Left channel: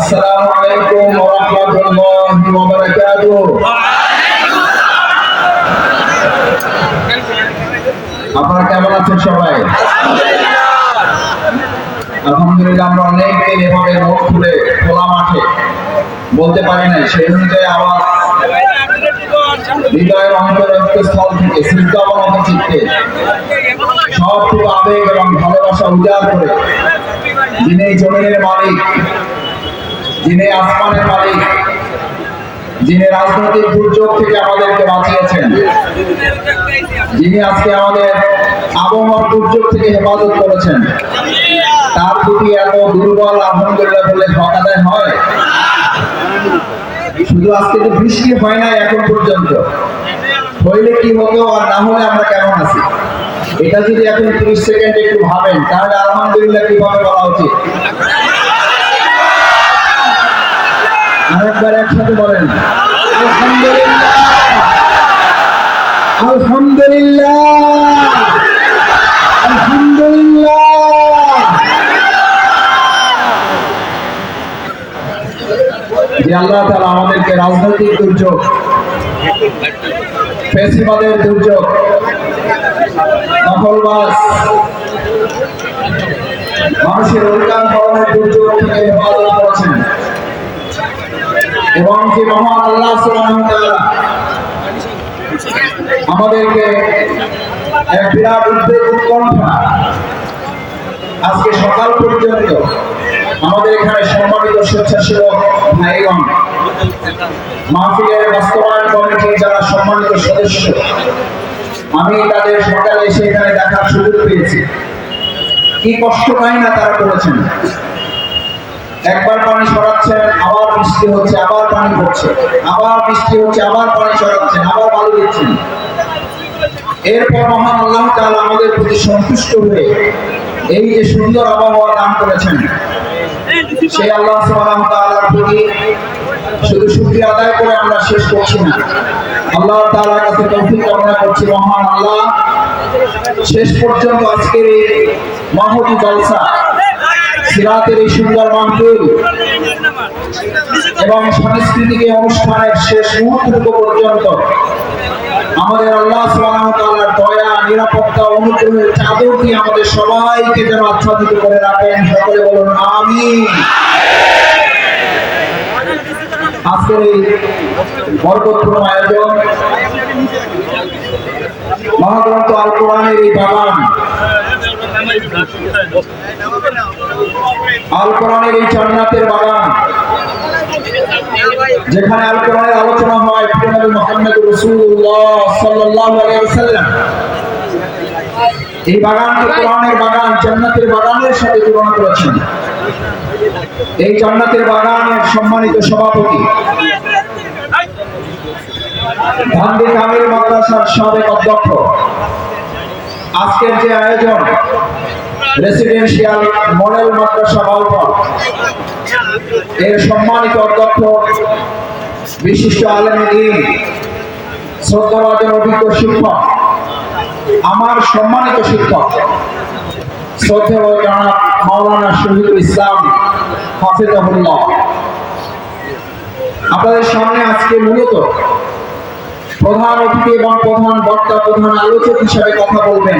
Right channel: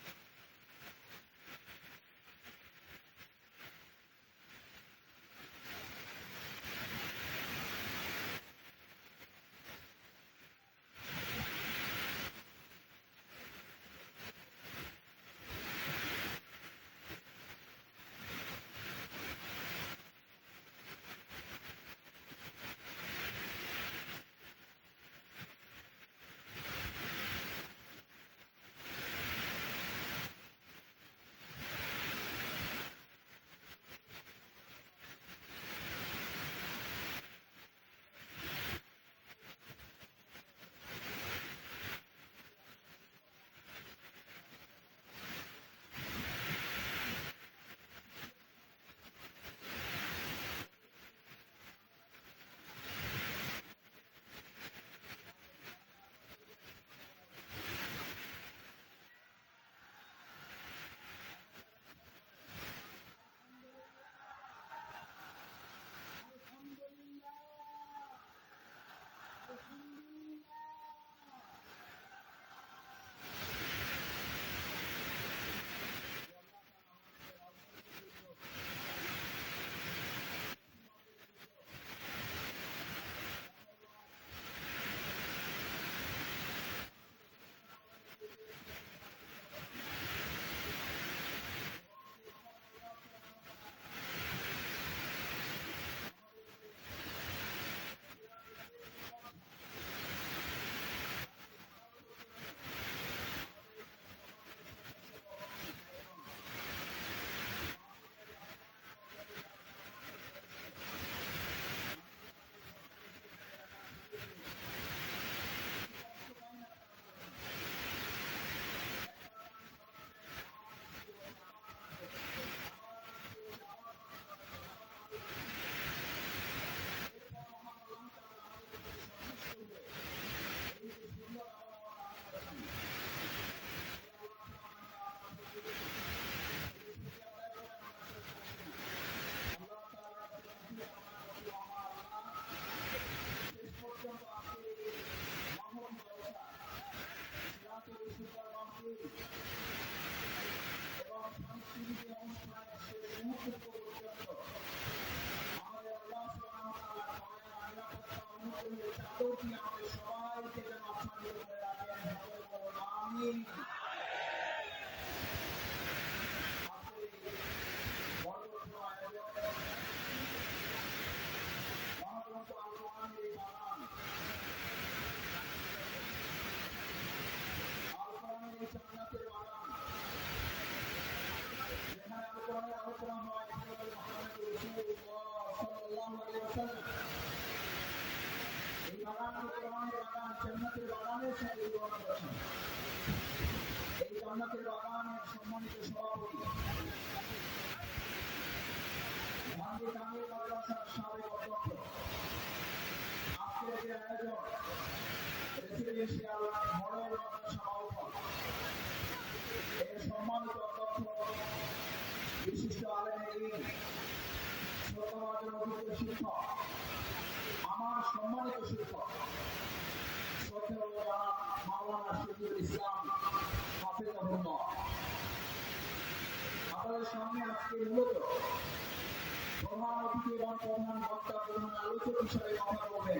আসসালামু আলাইকুম ওয়া রাহমাতুল্লাহি ওয়া বারাকাতুহু। আপনারা কেমন আছেন সবাই? আলহামদুলিল্লাহ। আমরা অনেকদিন এভাবে মুখ খুলে খোলা মাঠে বলতে পারি নাই, সেই অনুযায়ী আওয়াজ হৃদয়ের অন্তরস্থল থেকে সিদ্ধাবনত চিত্তে সবটুকু আবেগ এবং ভালোবাসা উজাড় করে যিনি জমিনের মালিক, যিনি আসমানের মালিক, যিনি রাজনৈতিক দুর্যোগ থেকে আমাদেরকে বাঁচিয়েছেন, যিনি আজকে আমাদের আবহাওয়ার দুর্যোগ থেকে হেফাজত করেছেন, তার প্রতি এত দুর্বল আলহামদুলিল্লাহ বলে হক আদায় হয়? শুধু আজকে তো বৃষ্টি হয় না এখন পর্যন্ত, হইলে কি হতো আর না হলে আমরা কেমন আছি, এটা যদি এখন 30 সেকেন্ড একটু ভাবেন তাহলে আলহামদুলিল্লাহ কিভাবে বলা উচিত? আরেকবার একসাথে বলেন আলহামদুলিল্লাহ, আলহামদুলিল্লাহ, আলহামদুলিল্লাহ। যে আল্লাহ তাআলা আমাদেরকে রাজনৈতিক দুর্যোগ, ফ্যাসিবাদের দুর্যোগ, দখলবাজ মানুষের অধিকার হরণের দুর্যোগ থেকে হেফাজত করেছেন, এবং যে মহান আল্লাহ সুবহানাহু ওয়া তাআলা আমাদেরকে এক বিরাট উদ্বেগ উৎকণ্ঠা আজকে সকাল পর্যন্ত আমাদের এখানে সম্মানিত স্বেচ্ছাসেবক ভাইগণ, মাহফিলের বাস্তবায়ন কমিটির যারা সম্মানিত সদস্য, আমি তাদের সকালে এসে এখানে দেখার সুযোগ পেয়েছি। কি কষ্ট পাই না তারা করেছেন। একবার পানি সরাচ্ছেন, আবার বৃষ্টি হচ্ছে, আবার পানি পড়ছে, আবার বৃষ্টি হচ্ছে, আবার পানি সরাচ্ছেন, আবার বালু দিচ্ছেন। এরপর মহান আল্লাহ তাআলা আমাদের প্রতি সন্তুষ্ট হয়ে এই যে সুন্দর আবহাওয়া দান করেছেন, সেই আল্লাহ সুবহানাহু ওয়া তাআলার প্রতি শুধু শুকরিয়া আদায় করে আমরা শেষ করছি না, আল্লাহ তাআলার কাছে তৌফিক কামনা করছি। মহান আল্লাহ শেষ পর্যন্ত আজকের এই মাহফিল জলসা, সিরাতের এই সুন্দর মাহফিল এবং সাংস্কৃতিক অনুষ্ঠানের শেষ মুহূর্তটুকু পর্যন্ত আমাদের আল্লাহ সুবহানাহু ওয়া তাআলার দয়া, নিরাপত্তা, অনুগ্রহের চাদর দিয়ে আমাদের সবাইকে যেন আচ্ছাদিত করে রাখেন। সকলে বলুন আমিন। আজকের এই বরকতপূর্ণ আয়োজন, মহাগ্রন্থ আল কোরআনের এই বাগান, আল কোরআনের এই জান্নাতের বাগান, যেখানে আল কোরআনের আলোচনা হয় নবী মুহাম্মদ রাসূলুল্লাহ সাল্লাল্লাহু আলাইহি ওয়াসাল্লাম, এই বাগানকে কোরআনের বাগান, জান্নাতের বাগানের সাথে তুলনা করেছেন। এই জান্নাতের বাগানের সম্মানিত সভাপতি, ধানবি কামিল মাদ্রাসার সাবেক অধ্যক্ষ, আজকের যে আয়োজন রেসিডেন্সিয়াল মডেল মাদ্রাসা বাউফল, এর সম্মানিত অধ্যক্ষ, বিশিষ্ট আলেমে দ্বীন, শ্রদ্ধাভাজন অভিজ্ঞ শিক্ষক, আমার সম্মানিত শিক্ষক শ্রদ্ধেয় জনাব মাওলানা শহীদুল ইসলাম হাফিজাহুল্লাহ, আপনাদের সামনে আজকে মূলত প্রধান অতিথি এবং প্রধান বক্তা, প্রধান আলোচক হিসাবে কথা বলবেন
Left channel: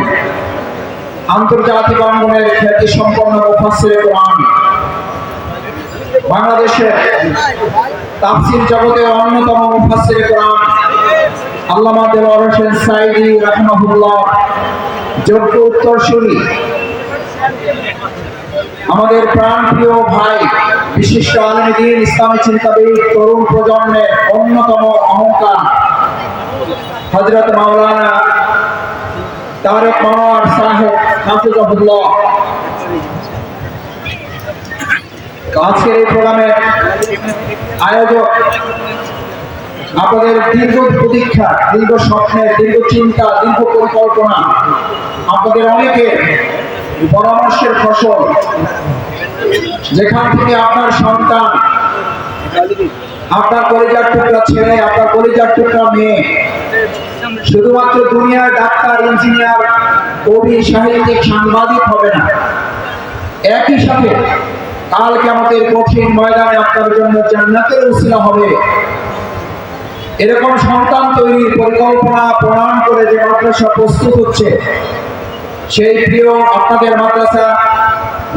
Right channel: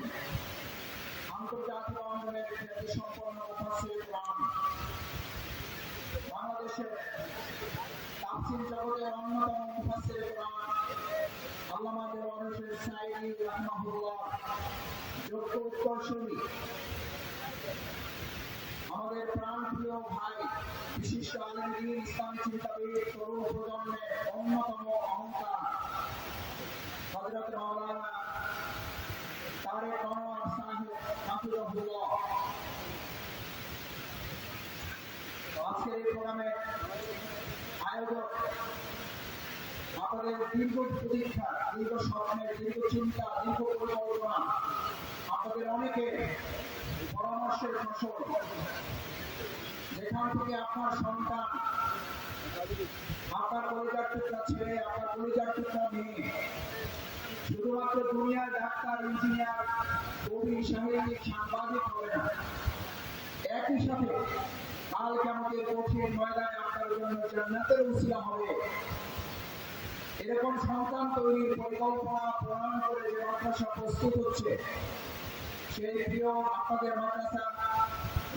আন্তর্জাতিক অঙ্গনের খ্যাতি সম্পন্ন মুফাসসিরে কোরআন, বাংলাদেশের তাফসীর জগতের অন্যতম মুফাসসিরে কোরআন আল্লামা দেওয়ার হোসেন সাঈদী রাহিমাহুল্লাহ যোগ্য উত্তরসূরি, আমাদের প্রাণপ্রিয় ভাই, বিশিষ্ট আলেমে দ্বীন, ইসলামী চিন্তাবিদ, তরুণ প্রজন্মের অন্যতম অহংকার হযরত মাওলানা তারেক মনোয়ার সাহেব হাফিজাহুল্লাহ। আজকের এই প্রোগ্রামের আয়োজক, আপনাদের দীর্ঘ প্রতীক্ষা, দীর্ঘ স্বপ্নের, দীর্ঘ চিন্তা, দীর্ঘ পরিকল্পনা, আপনাদের অনেকের পরামর্শের ফসল, যেখান থেকে আপনার সন্তান, আপনার কলিজার টুকরা ছেলে, আপনার কলিজার টুকরা মেয়ে শুধুমাত্র দুনিয়ার ডাক্তার, ইঞ্জিনিয়ার, কবি, সাহিত্যিক, সাংবাদিক হবে না, একই সাথে কাল কিয়ামতের কঠিন ময়দানে আপনার জন্য জান্নাতের উসিলা হবে। এরকম সন্তান তৈরির পরিকল্পনা প্রণয়ন করে যে মাদ্রাসা প্রস্তুত হচ্ছে, সেই প্রিয় আপনাদের মাদ্রাসা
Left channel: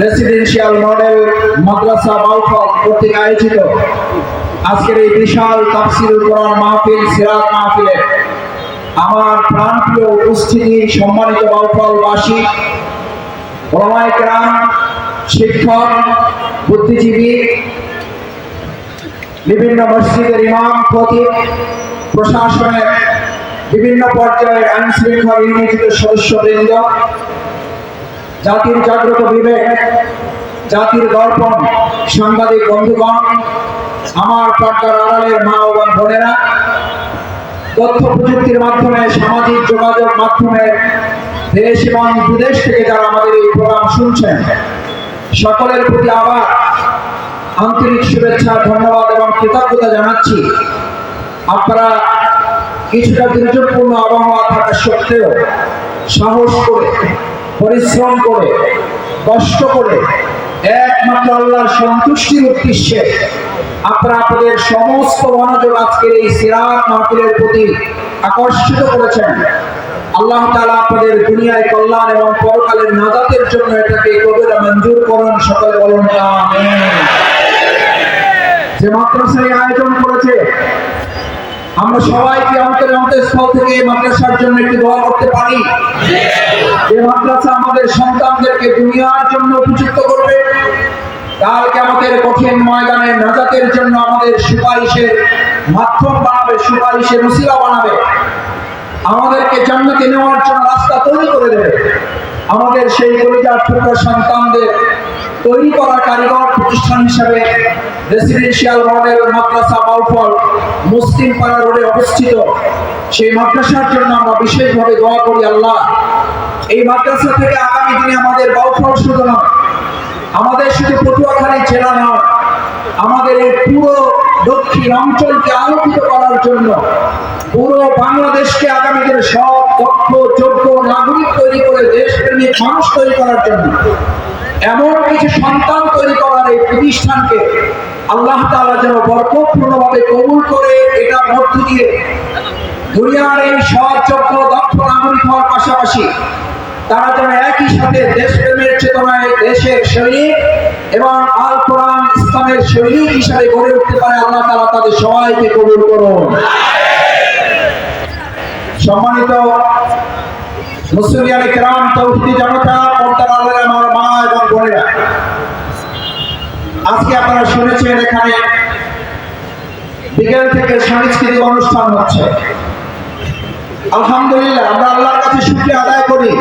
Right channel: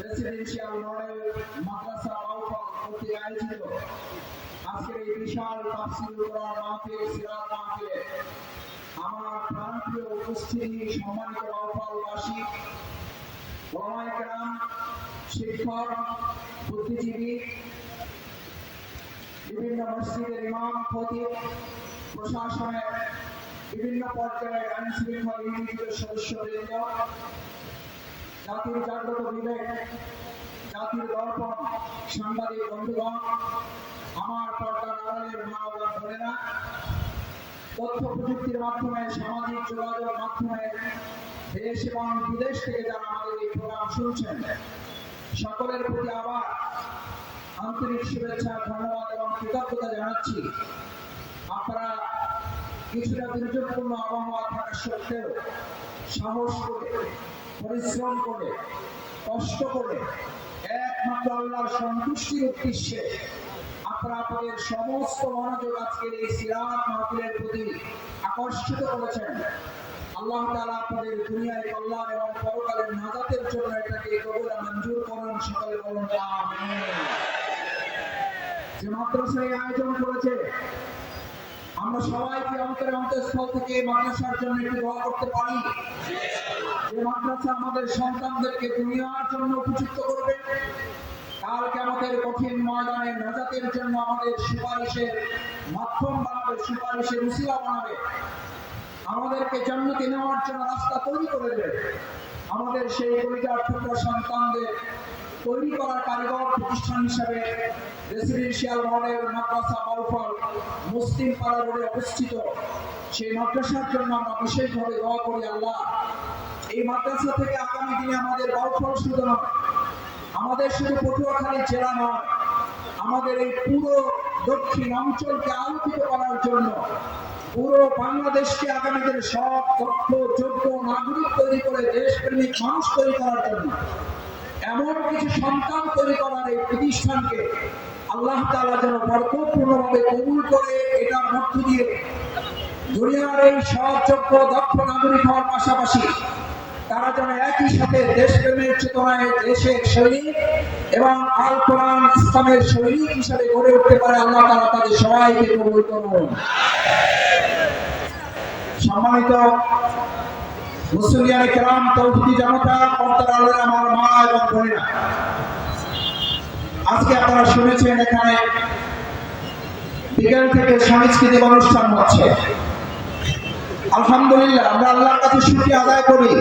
রেসিডেন্সিয়াল মডেল মাদ্রাসা বাউফল কর্তৃক আয়োজিত আজকের এই বিশাল তাফসীরুল কোরআন মাহফিল, সিরাত মাহফিলে আমার প্রাণপ্রিয় উপস্থিতি, সম্মানিত বাউফলবাসী, ওলামায়ে কেরাম, শিক্ষক, বুদ্ধিজীবী, বিভিন্ন মসজিদের ইমাম, খতিব, প্রশাসনের বিভিন্ন পর্যায়ের আইন শৃঙ্খলা নিয়োজিত সদস্যবৃন্দ, জাতির জাগ্রত বিবেক, জাতির দর্পণ, সাংবাদিক বন্ধুগণ, আমার পর্দার আড়ালের মা ও বোনেরা, তথ্য প্রযুক্তির মাধ্যমে, সামাজিক যোগাযোগ মাধ্যমে দেশ এবং বিদেশ থেকে যারা আমাদের এই প্রোগ্রাম শুনছেন, সকলের প্রতি আবার আন্তরিক শুভেচ্ছা, ধন্যবাদ এবং কৃতজ্ঞতা জানাচ্ছি। আপনারা কিছুটা দুর্যোগপূর্ণ আবহাওয়া থাকা সত্ত্বেও সাহস করে, পরিশ্রম করে, কষ্ট করে একমাত্র আল্লাহর সন্তুষ্টির উদ্দেশ্যে আপনারা আপনাদের সমস্ত মনোযোগ আজকের এই সিরাত মাহফিলের প্রতি আকর্ষিত করেছেন। আল্লাহ তাআলা আপনাদের দুনিয়ায় কল্যাণ এবং পরকালের নাজাতের জন্য এটাকে কবুল মঞ্জুর করুন। সকলে বলুন আমিন। যে মাদ্রাসার আয়োজন করেছে, আমরা সবাই কি অন্তরস্থল থেকে এই মাদ্রাসার জন্য একটু দোয়া করতে পারি? যে মাদ্রাসা আমাদের সন্তানদেরকে দুনিয়ার জন্য উপযুক্ত করবে, কাল কিয়ামতের কঠিন ময়দানে নাজাতের জন্য আমাদের সুপারিশের মাধ্যম বানাবে, সুপারিশের উসিলা বানাবে, আমাদেরকে জান্নাতে নেওয়ার জন্য রাস্তা তৈরি করে দেবে। আমাদের সেই কলিজার টুকরা সন্তানদের তৈরি করা কারিগর প্রতিষ্ঠান হিসাবে রেসিডেন্সিয়াল মডেল মাদ্রাসা বাউফল মুসলিম পাড়া রোডে অবস্থিত সেই মাদ্রাসার জন্য আমরা বিশেষভাবে দোয়া করি। আল্লাহ, এই মাদ্রাসা থেকে আগামী দিনে আমাদের বাউফল শুধু নয়, আমাদের শুধু পটুয়াখালী জেলা নয়, আমাদের এই পুরো দক্ষিণ অঞ্চলকে আলোকিত করার জন্য, পুরো বাংলাদেশকে আগামী দিনে সব দক্ষ যোগ্য নাগরিক তৈরি করে দেশপ্রেমিক মানুষ তৈরি করার জন্য এমন কিছু সন্তান তৈরি করার এই প্রতিষ্ঠানকে আল্লাহ তাআলা যেন বরকতপূর্ণভাবে কবুল করে এটার মধ্য দিয়ে দুনিয়ার এই সব যোগ্য দক্ষ নাগরিক হওয়ার পাশাপাশি তারা যেন একই সাথে দেশপ্রেমের চেতনায় দেশের সৈনিক এবং আল কোরআন ইসলামের সৈনিক হিসাবে গড়ে উঠতে পারে। আল্লাহ তাআলা তাদের সবাইকে কবুল করুন। সম্মানিত মুসলিয়ানে কেরাম, তৌহিদি জনতা, পর্দার আড়ালে আমার মা এবং বোনেরা, আজকে আপনারা শুনেছেন এখানে বিকেল থেকে সাংস্কৃতিক অনুষ্ঠান হচ্ছে। আলহামদুলিল্লাহ, আমরা আল্লাহর কাছে শুকরিয়া আদায় করি।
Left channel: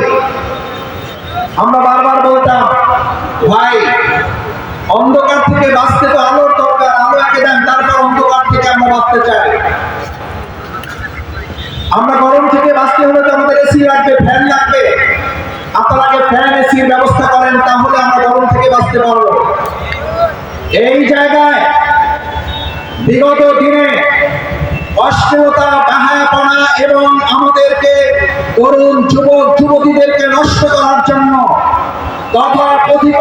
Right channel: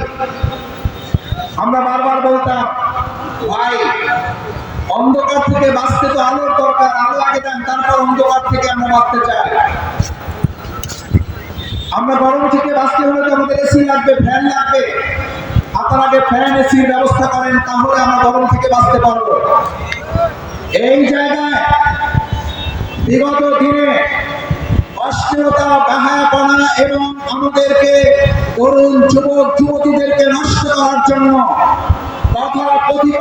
আমরা বারবার বলতাম, ভাই অন্ধকার থেকে বাঁচতে তো আলোর দরকার, আলো আগে দেন, তারপর অন্ধকার থেকে আমরা বাঁচতে চাই। আমরা গরম থেকে বাঁচতে হলে তো আমাদের এসি লাগবে, ফ্যান লাগবে। আপনারা আগে ফ্যান এসির ব্যবস্থা করেন, তাহলে আমরা গরম থেকে বাঁচতে পারবো। এই জায়গায় বিগত দিনে অশ্লীলতা, বেহায়াপনা এবং আমাদেরকে তরুণ যুবক যুবতীদেরকে নষ্ট করার জন্য তথাকথিত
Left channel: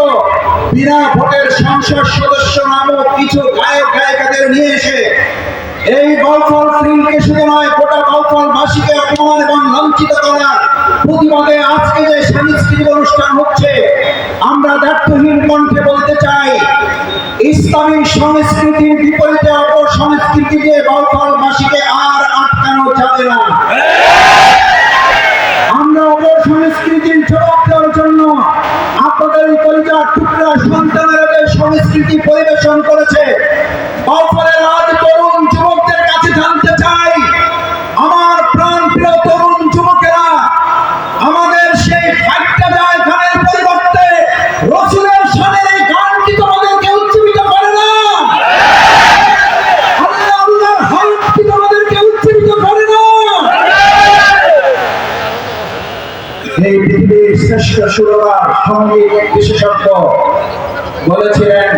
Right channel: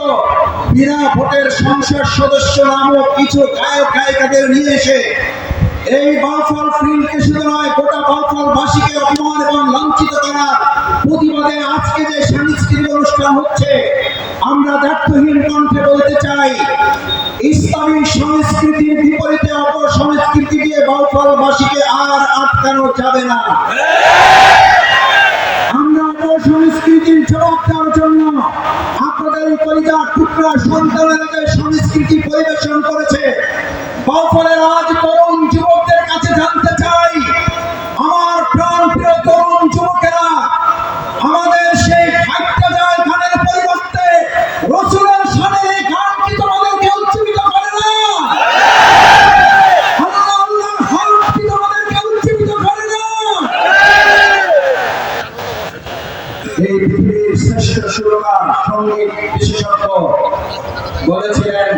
বিনা ভোটের সংসদ সদস্য নামক কিছু গায়ক গায়িকাদের নিয়ে এসে এই বাউফল ফিল্ডকে শুধু নয়, গোটা বাউফলবাসীকে অপমান এবং লাঞ্ছিত করার প্রতিবাদে আজকে যে সাংস্কৃতিক অনুষ্ঠান হচ্ছে, আমরা দায়িত্বহীন কণ্ঠে বলতে চাই, ইসলামী সংস্কৃতির বিপরীতে অপর সংস্কৃতি দিয়ে বাউফলবাসীকে আর আটকানো যাবে না। আমরা অপর সংস্কৃতির জবাব দেওয়ার জন্য আপনাদের এই কলিজার টুকরা সন্তানেরা যে সংস্কৃতি পরিবেশন করেছে, বাউফলের আজ তরুণ যুবকদের কাছে জানতে চাই, আমার প্রাণ প্রিয় তরুণ যুবকেরা, আমাদের সেই ফাইটটা যায় গানের পরিবর্তে রাসূলের শানের এই গান কি তোমাদেরকে উজ্জীবিত করে না? আল্লাহর হক কি তোমাদেরকে উজ্জীবিত করে না? এই পৃথিবীর শ্রেষ্ঠ সুরকার, সঙ্গীত বিশেষজ্ঞ বলেছিলেন,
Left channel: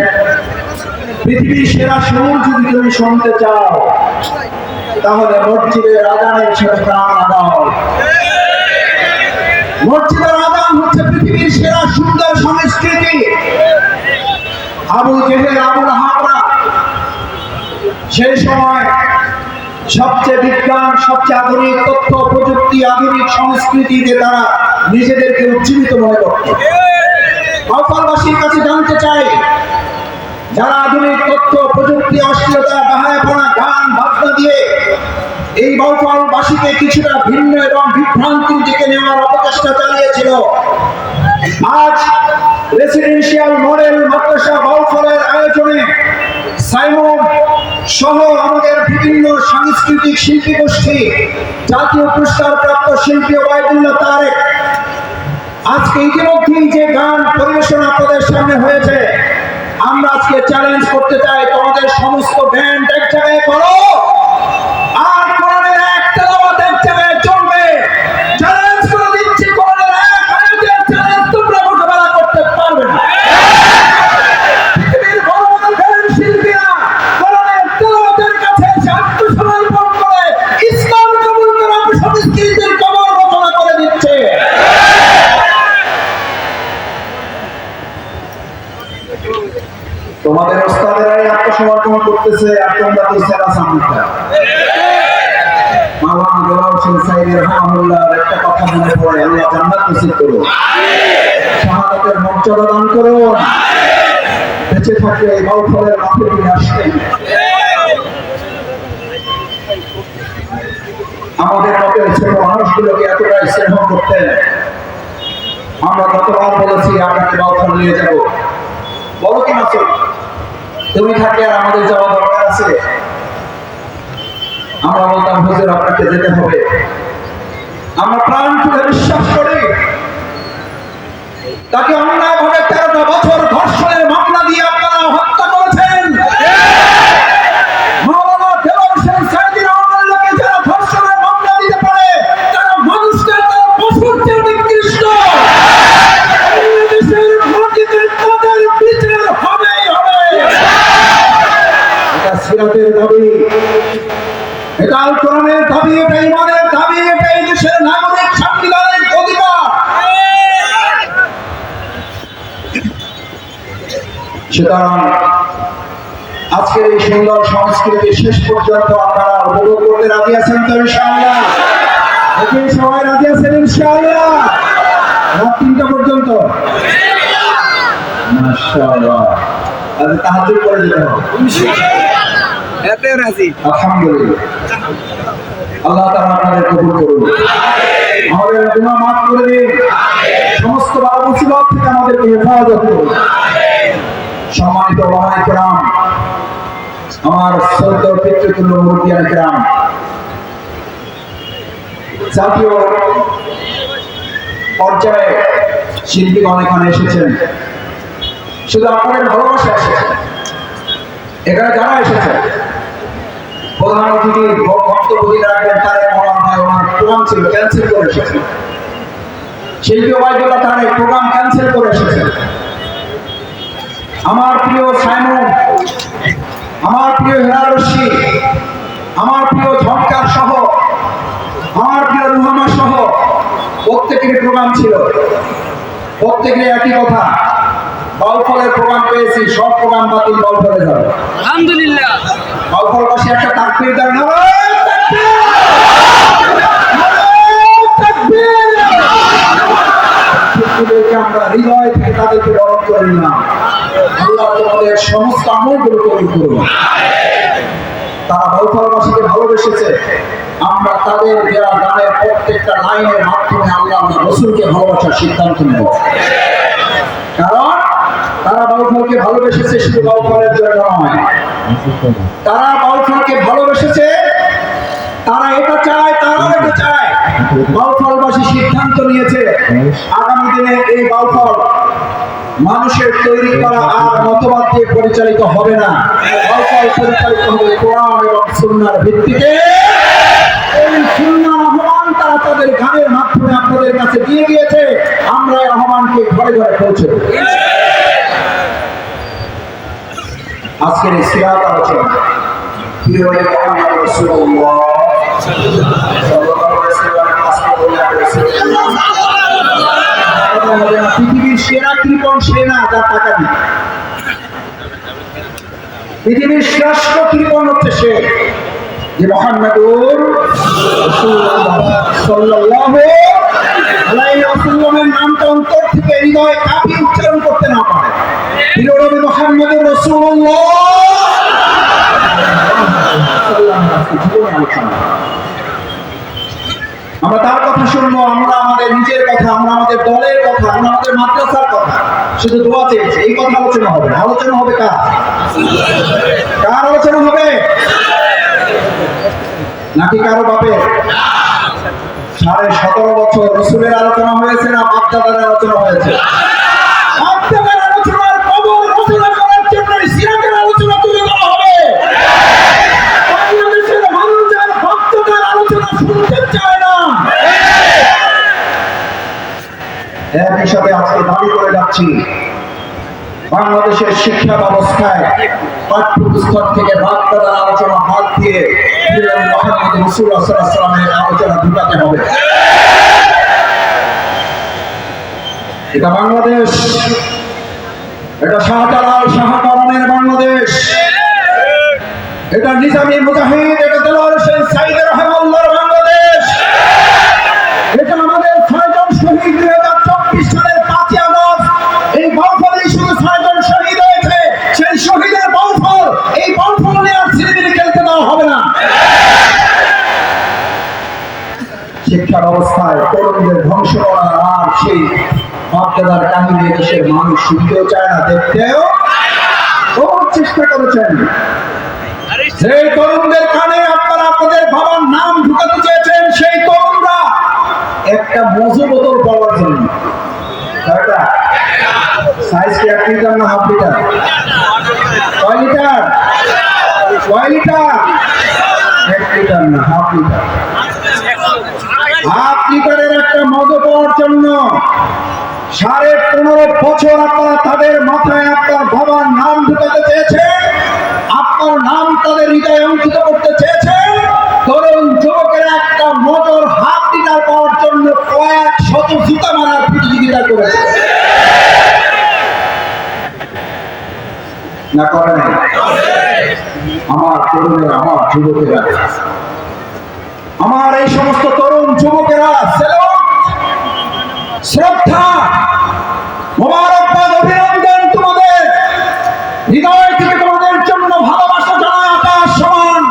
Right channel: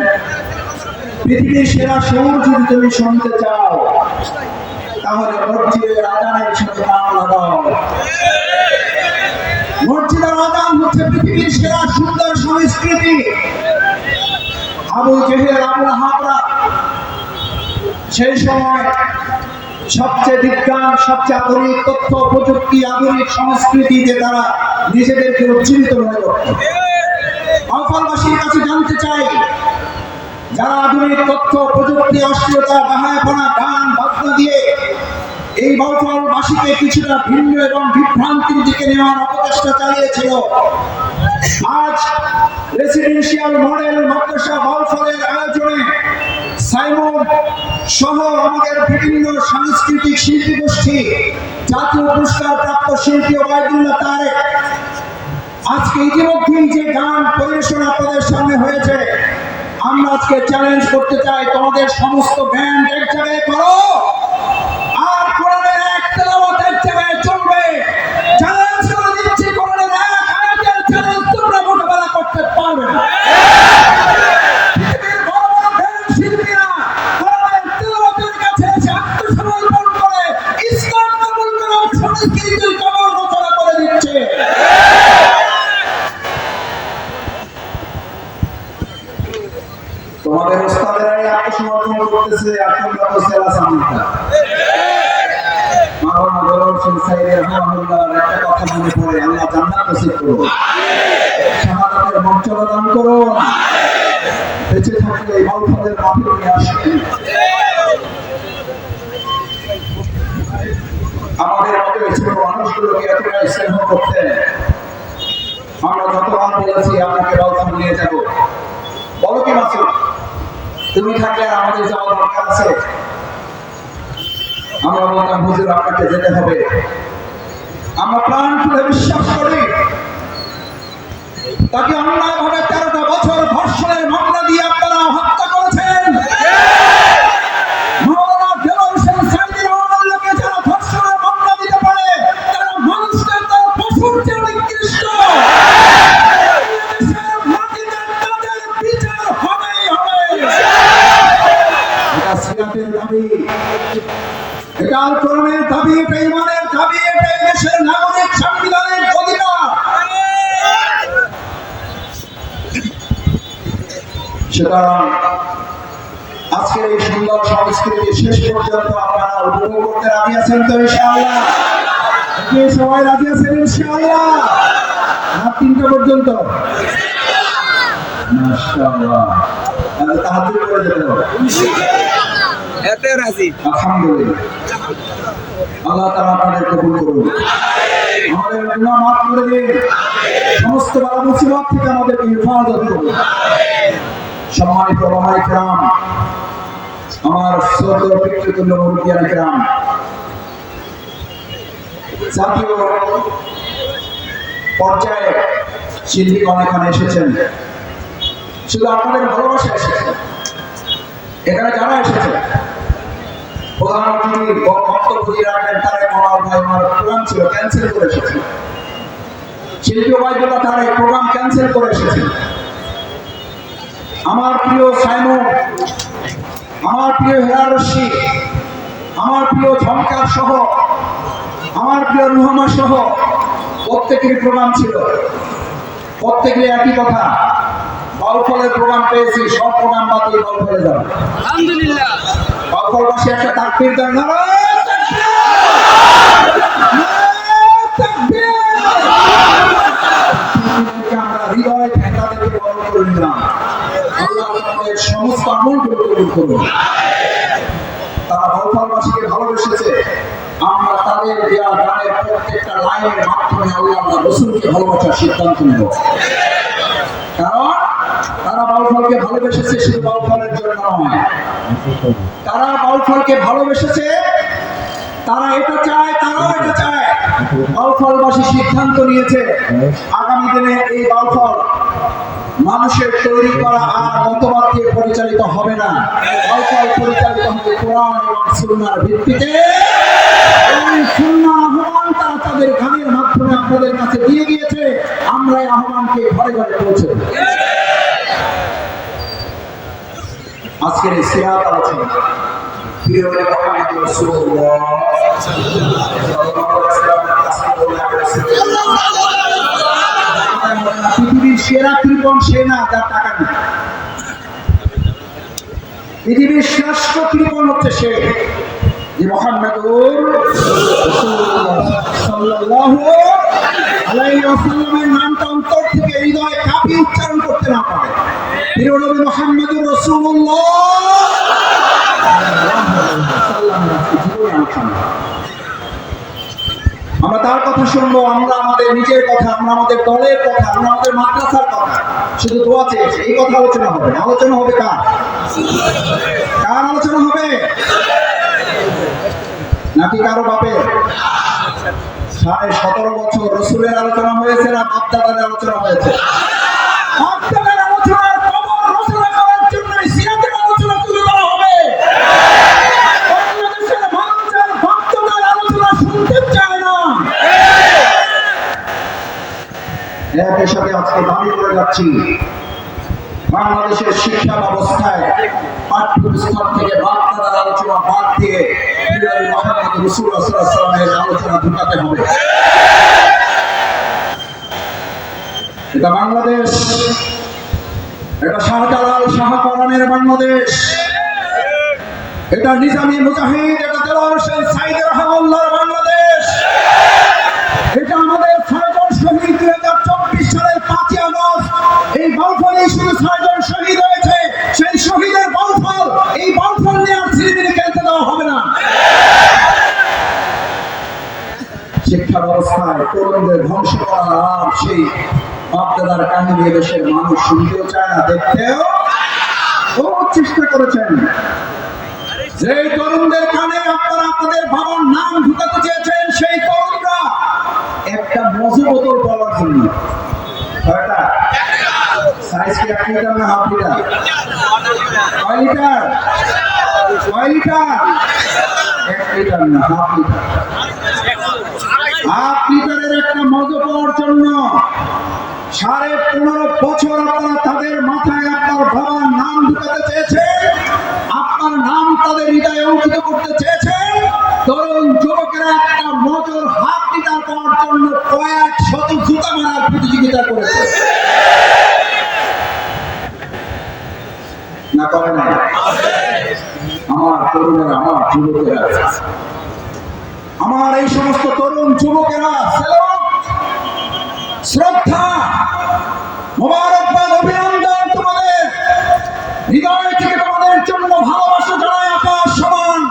পৃথিবীর সেরা সুর যদি তুমি শুনতে চাও, তাহলে মসজিদের আযানের সাথে গান লাগাও। মসজিদের আযান হচ্ছে পৃথিবীর সেরা সুন্দর সংস্কৃতি। আবু জেহেল আবু লাহাবরা সেই সময় সবচেয়ে বিজ্ঞান, সবচেয়ে আধুনিক তথ্য প্রযুক্তি, আধুনিক সংস্কৃতিতে তারা নিজেদেরকে উজ্জীবিত মনে করত। বাউফলবাসীর কাছে জানতে চাই, যারা আধুনিক তথ্য প্রযুক্তি, অশ্লীলতা, বাহায়াপনা, গান বাজনা দিয়ে এই বাউফলবাসীকে কিছুটা ভিন্ন এবং বিভ্রান্তির দিকে নেওয়ার অপচেষ্টা চালিয়েছিল, আজ রেসিডেন্সিয়াল মডেল মাদ্রাসা বাউফলের আয়োজনে সাইমন সহ আমাদের বিভিন্ন সাংস্কৃতিক শিল্পী গোষ্ঠী, জাতীয় পুরস্কার প্রাপ্ত শিল্পী ওবায়দুল্লাহ তারেক আজকে ইতিমধ্যেই যে গান পরিবেশন আপনাদের সামনে হয়েছে, আমরা আজকে চ্যালেঞ্জ করতে চাই, তোমাদের সমস্ত ব্যান্ড এক জায়গায় করো আর কোরআনের এক তেলাওয়াত এক জায়গায় চলবে। চ্যালেঞ্জ করে দিচ্ছি, কোরআনের এক আয়াতের চ্যালেঞ্জ তোমরা মোকাবেলা করতে পারবে না। পৃথিবীর বড় বড় ব্যান্ড শিল্পীরা কোরআনের তেলাওয়াতের কাছে আত্মসমর্পণ করে ইসলাম কবুল করা সংস্কৃতির কবর রচনা করে দিচ্ছে। তোমাদের ওস্তাদেরাই আত্মসমর্পণ করতেছে, আর তোমরা তো সেরা সামনেটা। মাওলানা দেওয়ান হোসেন সাইদের রহমাতুল্লাহর একটা কথা মনে পড়ে, আল্লাহ জান্নাত নসিব করুন, শাহাদাতের মর্যাদা দান করুন, বেঁচে থাকলে এই বাউফলের মাঠে নিয়ে আসবেন। আমাদের মতের ছোট মানুষগুলোকে এতটাই স্নেহ করতেন, আমরা গতবার বলেছি আপনাকে বাউফল নিয়ে যাবো, বলো কি না তুমি থাকলে আর আমাদের যাওয়া দরকার আছে? আমরা বলতাম হুজুর আপনাকে যেতে হবে। আমরা প্রাণ খুলে বিশ্বাস করি তাকে অন্যায়ভাবে 13টা বছর ধর্ষণের মামলা দিয়ে আপনারা হত্যা করেছেন। মাওলানা দেওয়ান হোসেন সাইদী রহমাতুল্লাহকে যারা ধর্ষণের মামলা দিতে পারে তারা মানুষটা তার পশুর চেয়ে নিকৃষ্ট। সিরাতের দাবি, এটা আল কোরআনের দাবি, এটা ইমানের দাবি, এটা এই দেশের নাগরিক সাংবিধানিক অধিকার। সুতরাং আজকের এই সুন্দর সংস্কৃতি শেষ পর্যন্ত আপনারা উপভোগ করতে রাজি আছেন তো ইনশাআল্লাহ? সবাই রাজি আছেন ইনশাআল্লাহ? রাত 3টা পর্যন্ত মাশাআল্লাহ, তাহাজ্জুদ করে যেতে হবে ইনশাআল্লাহ। এতে রাজি আলহামদুলিল্লাহ। আল্লাহ তাআলা আপনাদের কবুল করুন, আমাদের গুনাহ মাফ করে দিন, সমস্ত বালা মুসিবত থেকে আমাদেরকে হেফাজত করুন। সম্মানিত ওলামায়ে কেরাম, আমার শ্রদ্ধেয় পিতৃতুল্য মুরব্বিয়ানে কেরাম, জাতীয় পর্যায়ে শিল্পীগণ এখানে এসেছেন, শুধু আপনাদের ভালোবাসা এসেছেন। এখানে যারা এসেছেন, প্রধান অতিথির বক্তব্য দিয়ে রাখবেন তারেক রহমান ভাই, ওনার প্রোগ্রাম ছিল ক্যান্সেল করে এসেছেন। শিল্পী ওবায়দুল্লাহ তারেক প্রোগ্রাম ক্যান্সেল করে এসেছেন। আমার প্রিয় সাইমন, আমার প্রিয় হেরা রশিদ, আমার প্রিয় ঝঙ্কার সহ, আমার প্রিয় রুহামা সহ প্রত্যেকেরই প্রোগ্রাম ছিল। প্রত্যেকের একই কথা, বাউফলের প্রোগ্রাম পেয়েছি, সব প্রোগ্রাম বাতিল, বাউফলে যাবে আলহামদুলিল্লাহ। বাউফলবাসী একটা তাকবীর দেন, শিল্পীদেরকে আমরা হৃদয় থেকে তাদেরকে বরণ করে নিলাম। আল্লাহ তোমাদের সমস্ত আমলগুলো কবুল করুন। তারা বাউফলবাসীকে ভালোবেসেছে, আমরা তাদের দেওয়া গানের প্রত্যেকটা লাইনের মাধ্যমে আল্লাহ রাসূলকে ভালোবাসার সিদ্ধান্ত নেব। কারণ তারা বাউফলকে ভালোবেসেছে শুধু বাউফলের জন্য নয়, তারা বাউফলকে ভালোবেসেছে, তারা এটা চায়, তারাও এটা চায়। বাউফলবাসী সিদ্ধান্ত নিয়েছে আগামী দিনে এই বাউফল মানুষের তৈরি করা আর মতবাদ দিয়ে পরিচালিত হবে না, বাউফল পরিচালিত হবে কোরআন এবং সুন্নাহর ভিত্তিতে। এই সুন্নাহ আহ্বান তারা তাদের গানের মাধ্যমে আপনাদের কাছে দিয়ে গিয়েছে, আমরা এই আহ্বানকে ঘরে ঘরে পৌঁছে দেব। আজকের এই সিরাত আলোচনা প্রিয় নবী মুহাম্মদ রাসূলুল্লাহ সাল্লাল্লাহু আলাইহি ওয়াসাল্লাম পৃথিবীর সেরা কৃপণ সেনা, যার টাকা দিই পৃথিবীর শ্রেষ্ঠ কৃপণ হচ্ছে সে যে মুহাম্মাদুর রাসূলুল্লাহ সাল্লাল্লাহু আলাইহি ওয়াসাল্লামের নামটা অন্তর থেকে হৃদয়ে কাঁপিয়ে উচ্চারণ করতে না পারে। প্রিয় নবী মুহাম্মাদুর রাসূলুল্লাহ আমরা তার কথা শুনবো, আমরা আমাদের নিজের কথা, আমরা আমাদের দলের কথা, আমরা আমাদের মাদ্রাসার কথা শুধু দোয়া চেয়েছি। এই কথা আলোচনা হবে না, আলোচনা হবে কার কার আলোচনা হবে নাকি কারো বাপের? 17.5 বছর রসুলের আলোচনা হয়েছে না বাপদাদার আলোচনা হয়েছে? বাপদাদার আলোচনার কবর রচনা করার জন্য সিরাতের আলোচনা তুলে ধরা হবে। বাংলাদেশের মানুষ আর বাপদাদার আলোচনা শুনতে চায় না। একই সাথে আজকে দাবি করে যাচ্ছি, বাংলাদেশের শিক্ষা ব্যবস্থায় পাঠ্যপুস্তক থেকে বাপদাদার আলোচনা বাদ দিয়ে মুহাম্মদ রাসূলুল্লাহ সাল্লাল্লাহু আলাইহি ওয়াসাল্লামের আলোচনা ঢুকাতে হবে। এটা বাংলাদেশ, এটা শাহজালাল শাহপরানের বাংলাদেশ, এটা নিজামী মুজাহিদ, এটা দেলোয়ার হোসেন সাইদ রাহিমাহুল্লাহর বাংলাদেশ, এটা আমাদের 6 জন শহীদ 2024 সালের 5ই আগস্ট এই বাউফলে শুধু 6 জন শহীদ হয়েছে, সেই শহীদের বাউফল এই বাউফল নিয়ে আর সিনেমিনে খেলতে দেওয়া হবে না। শিক্ষা ব্যবস্থায় তরুণদের ধ্বংস করার আর সেই বাপদাদার কাহিনী দেশের মানুষ শুনতেও চায় না, দেখতেও বহুত চেষ্টা করেছেন। সেই তরুণদের কানে আপনারা আপনাদের বাবার নাম ঢুকাতে চেয়েছেন, সেই তরুণরা একটা মজু বোতল পাওয়ার জন্য সাইজ কি 1 লিটার না হাফ লিটার? কয় লিটার? 1 লিটার না হাফ লিটার। হাফ লিটারের একটা মজু পাওয়ার জন্য 15.5 বছর আপনারা তাদের মাথায় আপনার বাবার নাম ঢুকাতে চেয়েছেন, আপনার নাম তাদের হৃদয়ে অঙ্কিত করতে চেয়েছেন। তরুণ যুবকেরা একটা মোটর হাফ লিটার পাওয়ার জন্য কয়েক শত জুতা মারার প্রতিযোগিতা করেছে না করে নাই? আমার তরুণেরা, আমার যুবকেরা, আমার এই সমস্ত তরুণ যুবকেরা শ্রদ্ধা, মোবারকবাদ, অভিনন্দন তোমাদের। হৃদয় থেকে তোমাদের জন্য ভালোবাসা জানায় আকাশ সমান।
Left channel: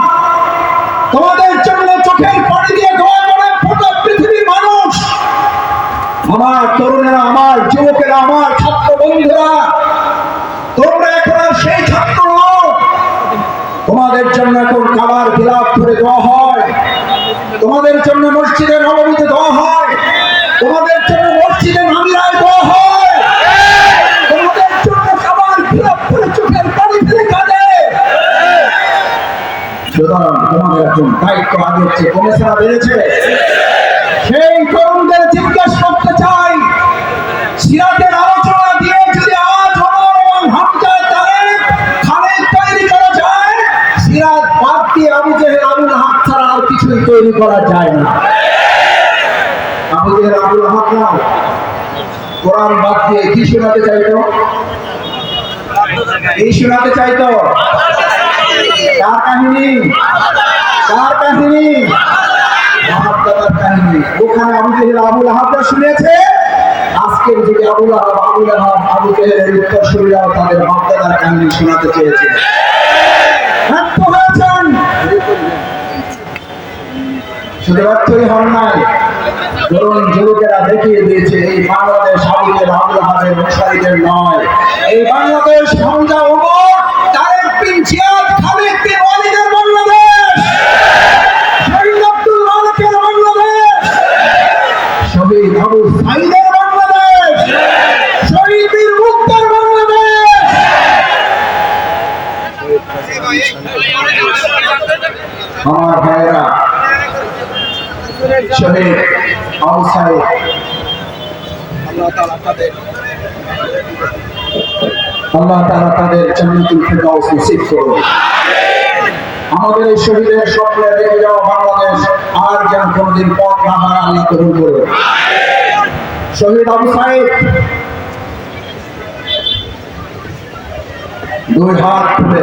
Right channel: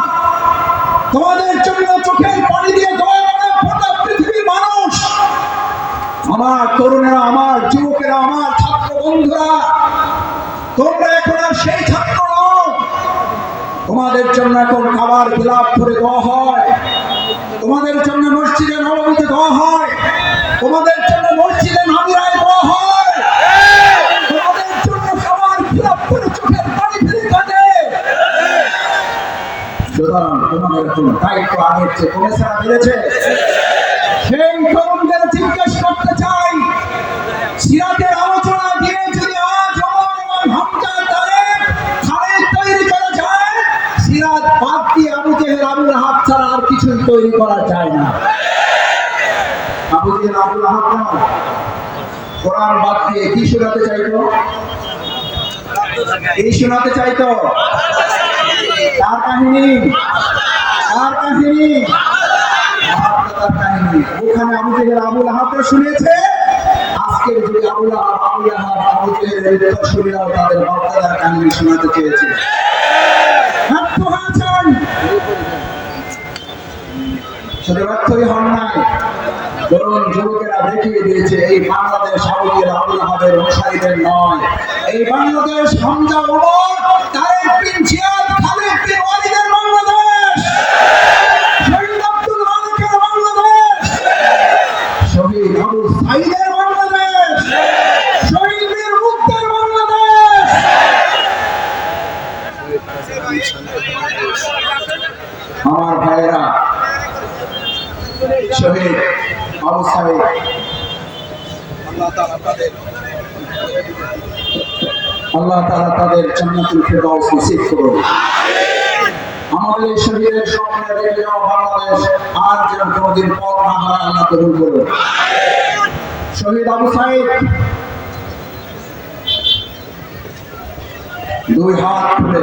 তোমাদের জন্য চোখের পানি দিয়ে দোয়া করে গোটা পৃথিবীর মানুষ। আমার তরুণেরা, আমার যুবকেরা, আমার ছাত্র বন্ধুরা, তোমরা এখন আর সেই ছাত্র নও। তোমাদের জন্য এখন খাবার বিলাপ করে দেওয়া হয়, তোমাদের জন্য মসজিদে নববীতে দেওয়া হয়, তোমাদের জন্য মসজিদে নামিরায় দেওয়া হয়, তোমাদের জন্য খাবার বিলাপ করে চোখের পানি ফেলে কাঁদে। সুতরাং তোমাদের এখন দায়িত্ব আগের চেয়ে কমেছে না বেড়েছে? সেই তরুণদের জিজ্ঞেস করতে চাই, সিরাতের আলোচনা দিয়ে যদি আজ ওমর এবং হামজা, তারেক, খালিদ তৈরি করা যায়, সিরাত বাদ দিয়ে আবু জেহেল, আবু লাহাব ছাড়া আর কিছুই তৈরি করা যায় না। আবু জেহেল, আবু লাহাব নাও, কোরআন বাদ দিয়ে কি শোনাতে চাইতো? এই শোনাতে চাইতো কার কাহিনী? কার কাহিনী? বাপদাদার কাহিনী। ওখানে আবু জেহেল, আবু লাহাবরা শুনেছে। আজকের যুগে আবু লাহাব, আবু জেহেলের উত্তরসূরিরাও তাদের বাপদাদার কাহিনী শোনাতে চেয়েছে। ব্যর্থ হয়েছেন। শুধু ব্যর্থই হন নাই, তরুণ যুবকেরা দেখিয়ে দিয়েছে এই বাংলাদেশ আবু জেহেল, আবু লাহাবের অনুসারীদের নয়। এই বাংলাদেশ হামজা, ওমর, তারেক বিন জিয়াদ, খালিদ বিন ওয়ালিদের বাংলাদেশ, শহীদ আব্দুল মালিকের বাংলাদেশ, শহীদ আবু সাইদের বাংলাদেশ, শহীদ বীর মুক্তার বাংলাদেশ। আমার ভাইয়েরা, শহীদ আবু সাইদ, আল্লাহ তাআলা তাদের জান্নাতুল ফেরদাউস নসিব করুন। আমাদের এই শহীদের স্বপ্নে রেখে যাওয়া বাংলাদেশ আর যেন কোনদিন পথ না হারায় আল্লাহ কবুল করুন। শহীদ আবু সাইদ 2 হাত তুলে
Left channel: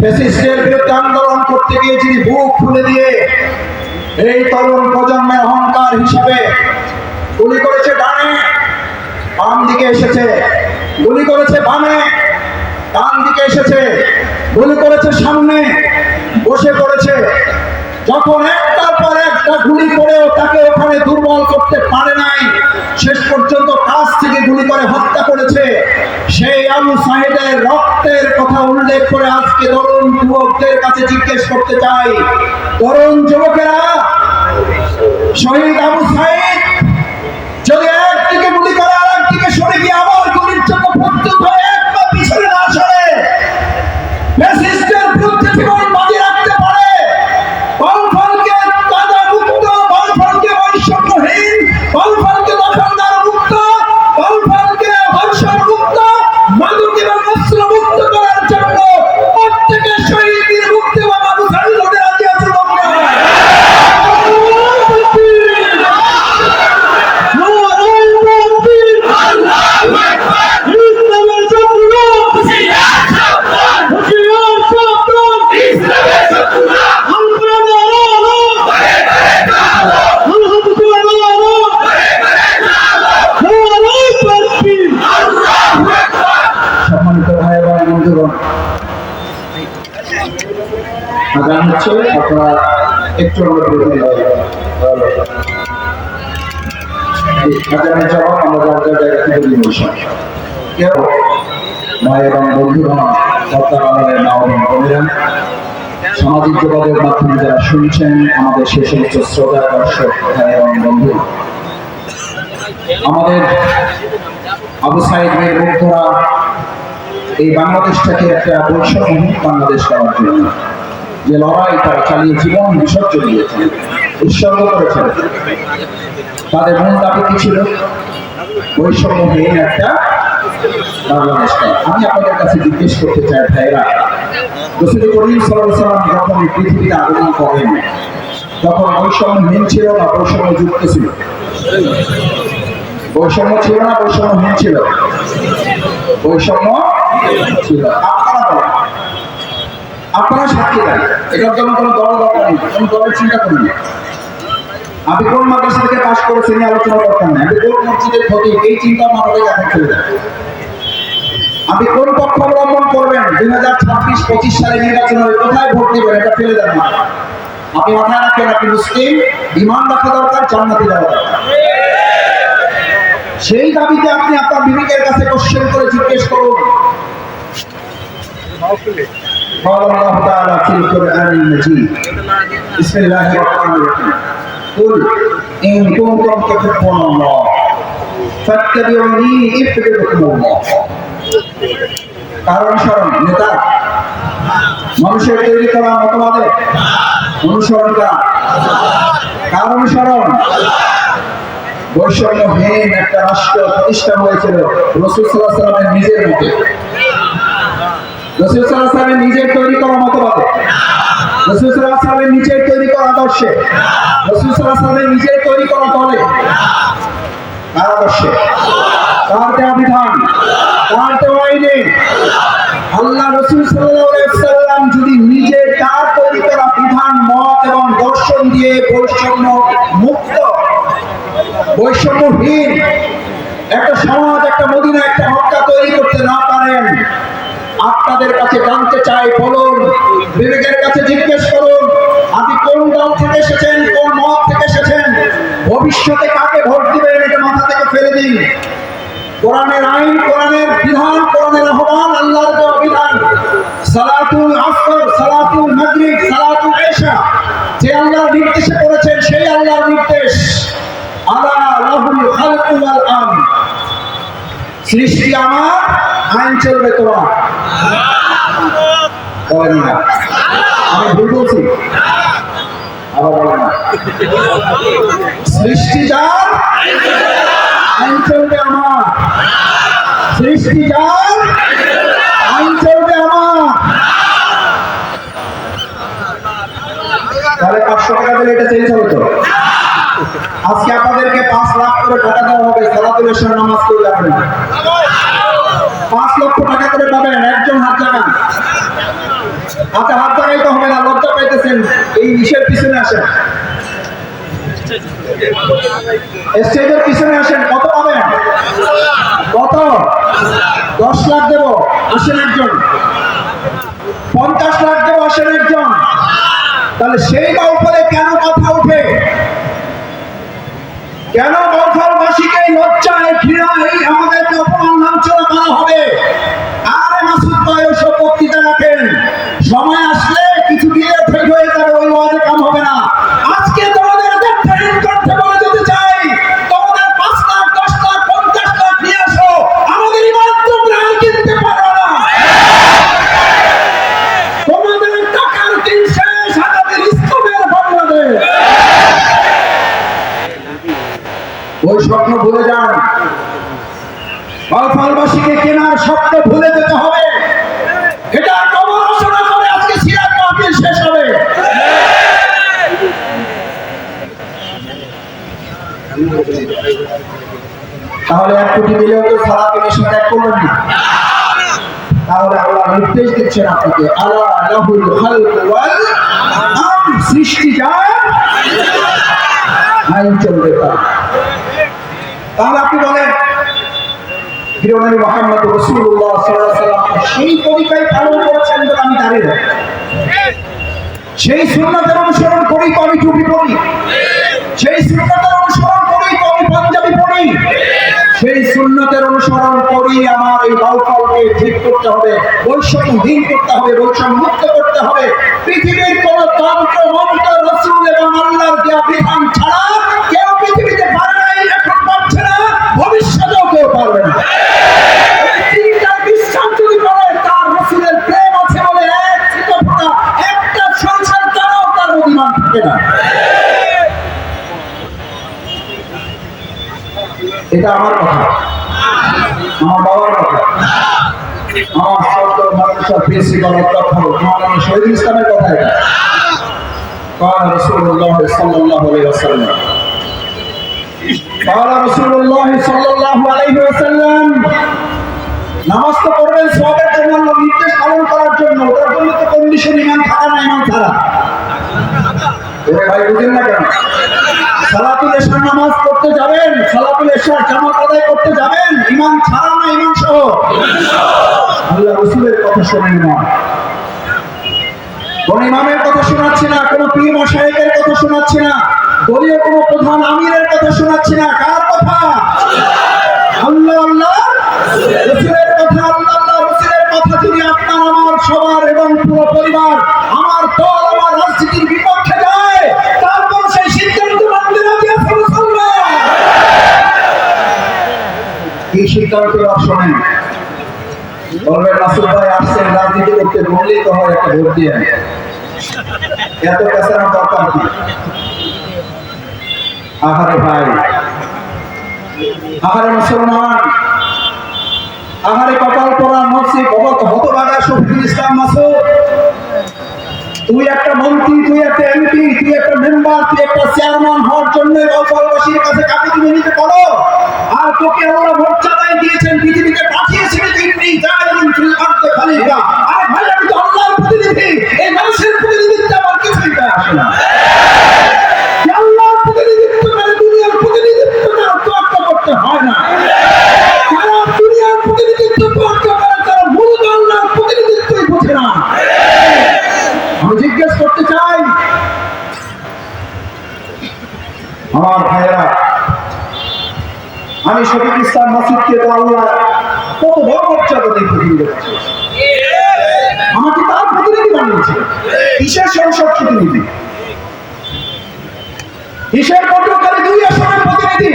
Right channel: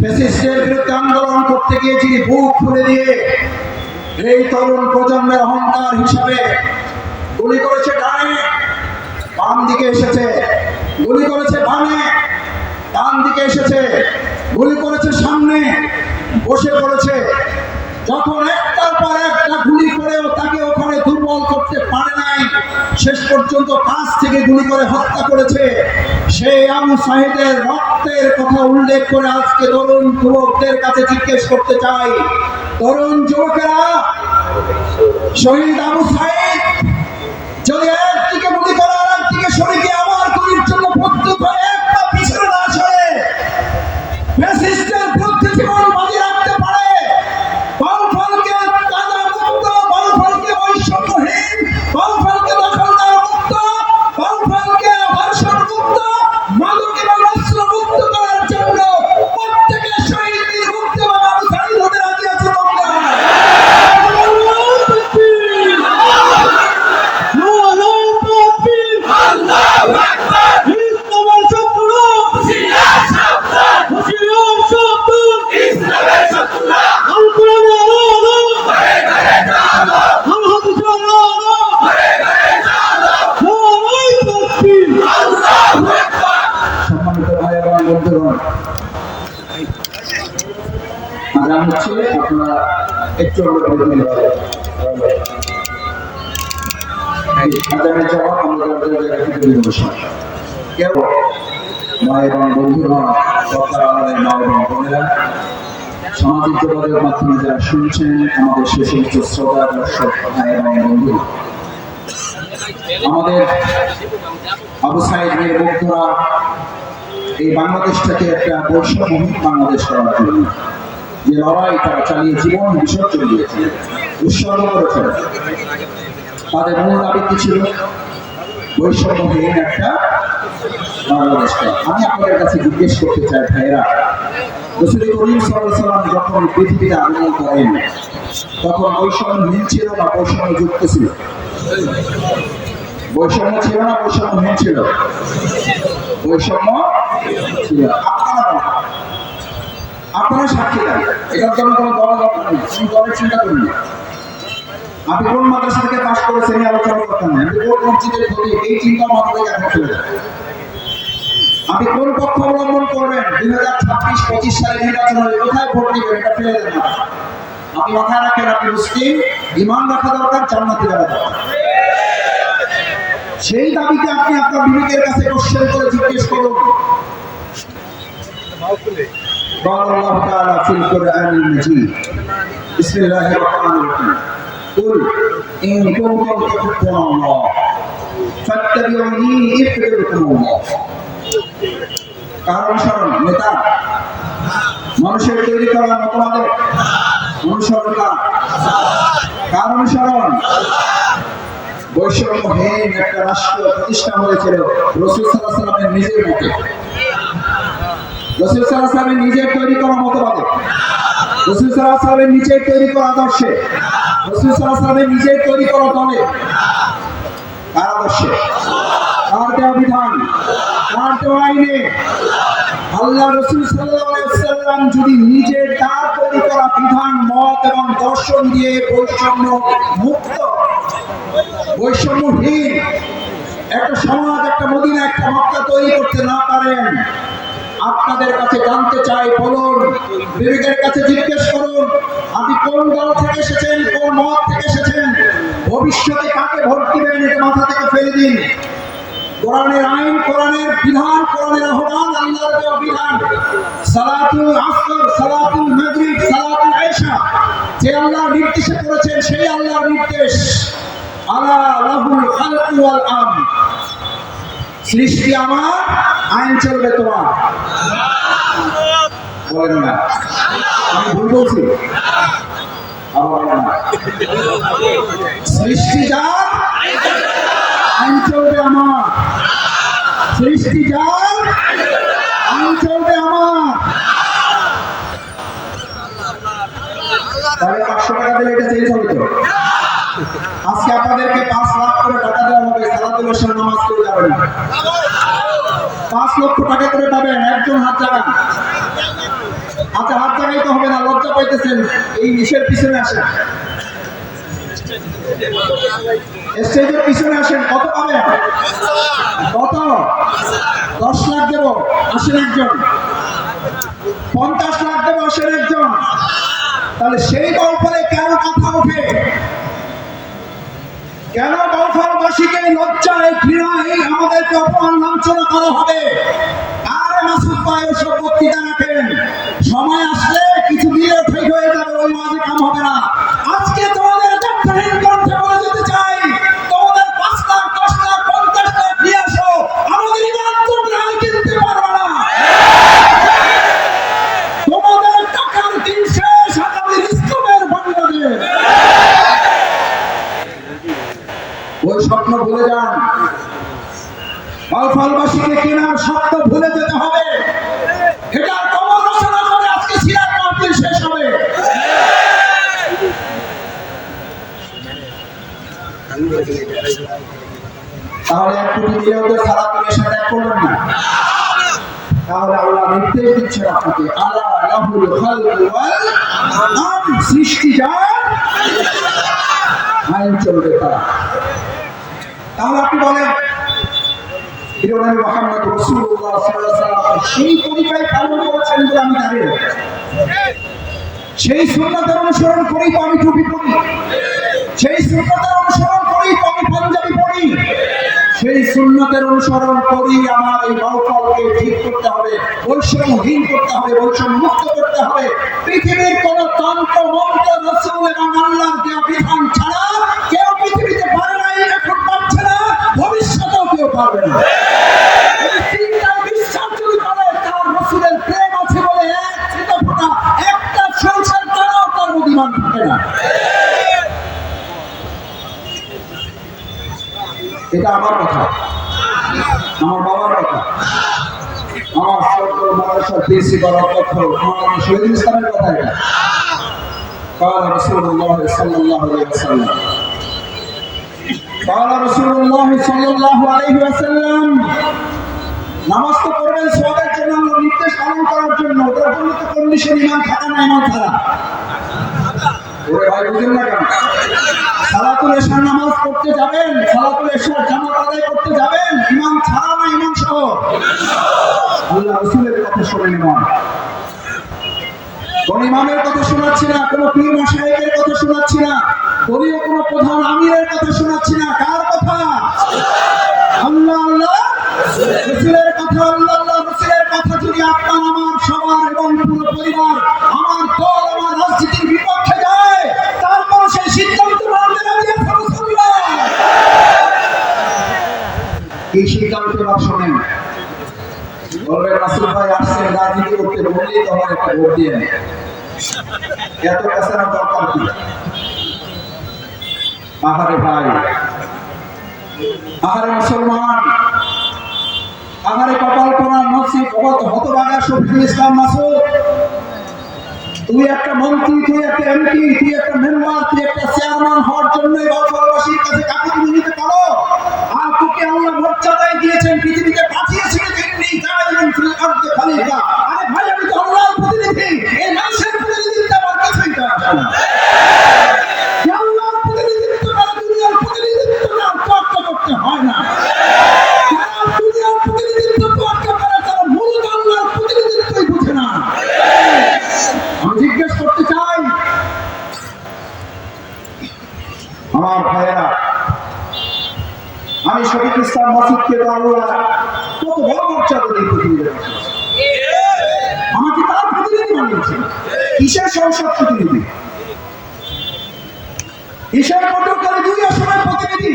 ফ্যাসিস্টের বিরুদ্ধে আন্দোলন করতে গিয়ে যিনি বুক খুলে দিয়ে এই তরুণ প্রজন্মের অহংকার হিসাবে গুলি করেছে ডানে, বাম দিকে এসেছে, গুলি করেছে বামে, ডান দিকে এসেছে, গুলি করেছে সামনে, বসে পড়েছে। যখন একটার পর একটা গুলি করেও তাকে ওখানে দুর্বল করতে পারে নাই, শেষ পর্যন্ত কাছ থেকে গুলি করে হত্যা করেছে। সেই আবু সাঈদের রক্তের কথা উল্লেখ করে আজকে তরুণ যুবকদের কাছে জিজ্ঞেস করতে চাই, তরুণ যুবকেরা, শহীদ আবু সাঈদ যদি একদিকে গুলি করে আর একদিকে সরে গিয়ে আবার গুলির জন্য প্রস্তুত হয়ে এক পা পিছনে না সরে ফ্যাসিস্টের বিরুদ্ধে জীবন বাজি রাখতে পারে, বাউফলকে কাদা মুক্ত, বাউফলকে বৈষম্যহীন, বাউফলকে দখলদার মুক্ত, বাউফলকে ধর্ষণ মুক্ত, মাদক এবং অস্ত্র মুক্ত করার জন্য প্রত্যেকের শহীদের মুক্ত এবং আবু সাঈদ হতে রাজি আছে। আপনারা একটু সামাজিক যোগাযোগের মাধ্যমে যারা শুনছেন, আমাদের সে সমস্ত শ্রোতা দর্শক ভাই এবং বন্ধু, আমাদের আবু সাঈদ এর মুগ্ধরা এই বাংলাদেশটাকে একটা বৈষম্যহীন বাংলাদেশ করার জন্য যে লড়াই তারা চালিয়ে জীবন বিসর্জন দিয়েছে, উৎসর্গ করেছে, তাদের মূল দাবি কি ছিল? বৈষম্যহীন একটা বাংলাদেশ। আমি আপনাদের কাছে জিজ্ঞেস করতে চাই ভাইরা, রাসূল করিম সাল্লাল্লাহু আলাইহি ওয়াসাল্লাম যখন পৃথিবীতে আগমন করেন তখন বৈষম্যহীন ছিল না বৈষম্যযুক্ত ছিল? বৈষম্য ছিল না বৈষম্যহীন ছিল? বৈষম্য ছিল। আপনারা সাক্ষী দেন, এটার জন্য কোনো দল দরকার নেই, কোন দলের চিন্তা করুন না। আপনি কোন মাদ্রাসা থেকে পাশ করেছেন এই আলোচনা দরকার নেই, আপনি কোন মসজিদের ক্ষতি এই চিন্তা মাথা থেকে এখন ফেলে দেন। আপনি কোন পক্ষ অবলম্বন করবেন 2026-25 সালে নির্বাচনের কোথায় ভোট দিবেন এটা ফেলে দেন না। আপনি মাথায় রাখেন আপনি মুসলিম, ঈমান রাখা দরকার, জান্নাতে যাওয়া দরকার। সেই দাবিতে আপনি আপনার বিবেকের কাছে কোশ্চেন করে জিজ্ঞেস করুন। قال الله تعالى في القرآن المجيد بسم الله الرحمن الرحيم قل إن كنتم تحبون الله فاتبعوني يحببكم الله। কারণ অনুসরণ নেতা মানুষের তৈরি করা মতবাদে অনুসরণ করা, কারণ অনুসরণ বৈষম্যহীন একটা রাষ্ট্র প্রতিষ্ঠা হয়েছিল রাসূল সাল্লাল্লাহু আলাইহি ওয়াসাল্লামের নিজের মতে, রাসূল সাল্লাল্লাহু আলাইহি ওয়াসাল্লামের নিজের তৈরি করা মতবাদে, রাসূল সাল্লাল্লাহু আলাইহি ওয়াসাল্লামের নিজের তৈরি করা আদর্শে, রাসূল সাল্লাল্লাহু আলাইহি ওয়াসাল্লামের নিজের তৈরি করা দলে, কার আদর্শে, কার দেওয়া বিধান, কার দেওয়া আইনে আল্লাহ রাসূল সাল্লাল্লাহু আলাইহি ওয়াসাল্লাম যদি নিজের তার তৈরি করা বিধান, মত এবং দর্শন দিয়ে বৈষম্য মুক্ত, বৈষম্যহীন একটা সমাজ, একটা মদিনা, একটা মক্কা তৈরি করতে না পারেন, আপনাদের কাছে জানতে চাই, বলুন, বিবেকের কাছে জিজ্ঞেস করুন, আপনি কোন দল থেকে এসেছেন, কোন মত থেকে এসেছেন, ভবিষ্যতে কাকে ভোট দিবেন এটা মাথা থেকে ফেলে দিন। কোরআনের আইন, কোরআনের বিধান, কোরআনের আহ্বান, আল্লাহর দেওয়া বিধান, সালাতুল আসর, সালাতুল মাগরিব, সালাতুল ইশা যে আল্লাহর নির্দেশে করেছেন সেই আল্লাহর নির্দেশ। আলা লাহুল খালকু ওয়াল আমর, সৃষ্টি আমার, আইন চলবে তোমার। বলেন না আমি ভুল বলছি? আবার বলেন না, সৃষ্টি যার, আইন চলবে আমার, সৃষ্টি যার, আইন চলবে আমার। তাহলে 500 টাকা দিলে এটা চেঞ্জ হবে তো? আজকে আপনাদেরকে 5 লাখ করে টাকা দেওয়া হবে, সালাতুল ইশার নামাজ করে যাবেন না। 5 লক্ষ টাকা করে পাবেন, একজন হাত লাগান। হাতে হাত লাগাইতে হবে না, লজ্জা পাইতেছেন, এই ইসের পিছনে আসেন, স্টেজের পিছনে আসেন। কত পাবেন? কত? 10 লাখ দেব, আসেন একজন। 50 লাখ দেব, আসেন একজন। তাহলে সেই বাউফলে কেন কথা উঠে? কেন বাউফলবাসীকে লজ্জায় ঘৃণায় আমাদেরকে অপমান লাঞ্ছনা করা হবে? আরে মাসুদ ভাই ওসব বক্তৃতা রাখেন, সময় আসলে কিছু দিলে ঠিক হয়ে যাবে, ওই ওয়াজে কাম হবে না। আজকে তোমাদের যত্নহীন কণ্ঠে বলে যেতে চাই, তোমাদের 5 লাখ 10 লাখ 50 লাখ নিয়ে আসো, আমাদের ইমান তোমরা আর কিনতে পারো না। তোমাদের টাকার দিন শেষ, আগামীর ইসলামের বাংলাদেশ। ওই স্বপ্ন ভুলে যান, বাউফলবাসীকে কেনার স্বপ্ন ভুলে যেতে হবে। এটা কবর রচনা হবে, আজকে সিরাত মাহফিল শেষ হবে। তাহলে 1 কোটি দিলেও তো সালাতের সাথে এক করবেন না। তাহলে আল্লাহ নির্দেশ দিচ্ছেন আপনাকে, আলা লাহুল খালকু ওয়াল আমর, সৃষ্টি যার, আইন চলবে তার। তাহলে আপনি বলেন প্রিয়নবী মুহাম্মদ রাসূলুল্লাহ সাল্লাল্লাহু আলাইহি ওয়াসাল্লাম সেই তরিকায় পালন করছেন বলে আমি দাঁড়িয়ে আছি, সেই সুন্নাতের অনুসরণ করেই তো আমি টুপি পরি, সেই সুন্নাতের অনুসরণ করেই তো আমি পাঞ্জাবি পরি, সেই সুন্নাতের অনুসরণ করেই আমার এই বাউফলকে ঠিক করতে হবে, বৈষম্যহীন করতে হবে, বৈষম্য মুক্ত করতে হবে। পৃথিবীর কোন তন্ত্র মন্ত্র রাসূল এবং আল্লাহর দেওয়া বিধান ছাড়া কেউ পৃথিবীতে পারে নাই, এখন পারছে না, ভবিষ্যতেও কেউ পারবে না। এটা আমার কথা, আমার বাবার কথা, আমার সরকার মাদ্রাসার প্রিন্সিপাল অধ্যক্ষ মাওলানা শহীদুল ইসলামের কথা। এটা قال رسول الله صلى الله عليه وسلم قال رسول الله صلى الله عليه وسلم নামাজ তো পড়বেন সওয়াবের জন্য, আল্লাহর নির্দেশ পালন করার জন্য, ওটার জন্য তো কন্ডিশন ইমান থাকা না, ইমান ছাড়া। ওরে ভাই বুঝেন না কেন? সালাতুল ইশার নামাজ পড়তে যাবেন, সালাতুল ইশার জামাত আদায় করতে যাবেন, ইমান ছাড়া না, ইমান সহ। আল্লাহ রাসূলের কথা শুনেন না, কোন ইমামের কথা শোনাচ্ছি না, কোন পীর মাশায়েখের কথা শোনাচ্ছি না, দলীয় কোন প্রধান আমিরের কথা শোনাচ্ছি না। কার কথা? আল্লাহ আল্লাহ রাসূলের কথা। আল্লাহ আল্লাহ রাসূলের কথা যদি আপনার আমার সবার এবং পুরো পরিবার, আমার দল, আমার রাজনীতির বিপক্ষে যায়, তারপর সেই সিদ্ধান্ত মানতে রাজি আছি মুসলমান। কি সিদ্ধান্ত শোনেন? বলবেন রাসূল ভাই আসছেন রাজনীতি করতে, বললেই তো হয় একটা ভোট দিয়ে। এত পেছানো দরকার কি? আহারে ভাই, আহারে মুসলমান, আহারে কপাল পড়া নসিব হতভাগা শফিকুল ইসলাম মাসুদ, তুই একটা মন্ত্রী, তুই একটা এমপি, তুই একটা মেম্বার, তুই একটা চেয়ারম্যান হওয়ার জন্য বাউফলবাসীর কাছে কাকুতি মিনতি করো। আর তোকে আল্লাহ মর্যাদায় দিয়েছেন, পৃথিবীতে পাঠিয়েছেন তিনি জাইলুন ফিল আরদি খলিফা। আরে ভাই, আমি তো আল্লাহর প্রতিনিধি, এই মানুষের প্রতিনিধিত্ব আমার কিছুই আসে না। আল্লাহর প্রতিনিধিত্ব করে দুনিয়ার প্রতিনিধিত্ব না তোয়াক্কা করতে হয় না। যারা দুনিয়ার প্রতিনিধিত্ব তোয়াক্কা করে তারা মূলত আল্লাহর প্রতিনিধিত্বই বোঝে না। আমি জিজ্ঞেস করতে চাই আমার ভাইয়েরা, আমি শফিকুল ইসলাম মাসুদকে তো আল্লাহ কত বড় মর্যাদা দিয়ে পৃথিবীতে পাঠিয়েছে, আমাকে তার প্রতিনিধি বানিয়েছে। কিসের সংসদ প্রতিনিধি, কিসের পটুয়াখালী 2 আসনের প্রতিনিধি?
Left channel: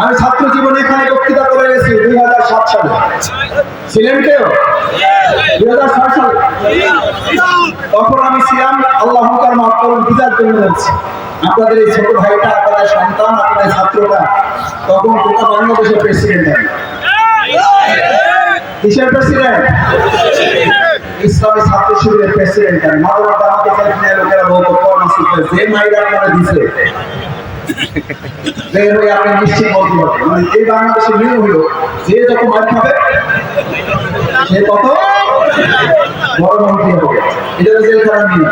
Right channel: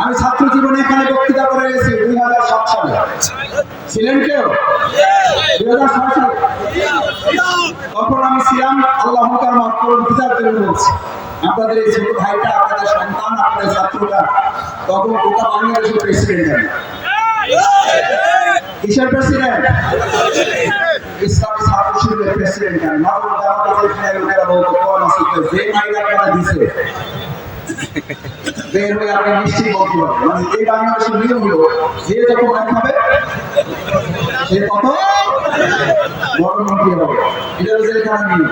আমি ছাত্র জীবনে এখানে বক্তৃতা করে গেছি 2007 সালে। ছিলেন কেউ? 2007 সালে তখন আমি ছিলাম, আল্লাহ তার মাফ করুন, বুঝার জন্য বলছি, আপনাদের এই ছোট ভাইটা, আপনাদের সন্তান, আপনাদের ছাত্ররা তখন গোটা বাংলাদেশের প্রেসিডেন্ট। কিসের প্রেসিডেন্ট? ইসলামী ছাত্র শিবিরের প্রেসিডেন্ট। মাওলানা দামাত লোকেরা বলতো, যে মাইরা আপনারা দিছে বের হয়ে আপনি নিশ্চিত বলতে পারবেন, মানে এই বাংলাদেশের নিয়ম হলো যে যত মার খাবে সে তত বড় মন্ত্রী হবে। এটা হচ্ছে জেলখানার নিয়ম।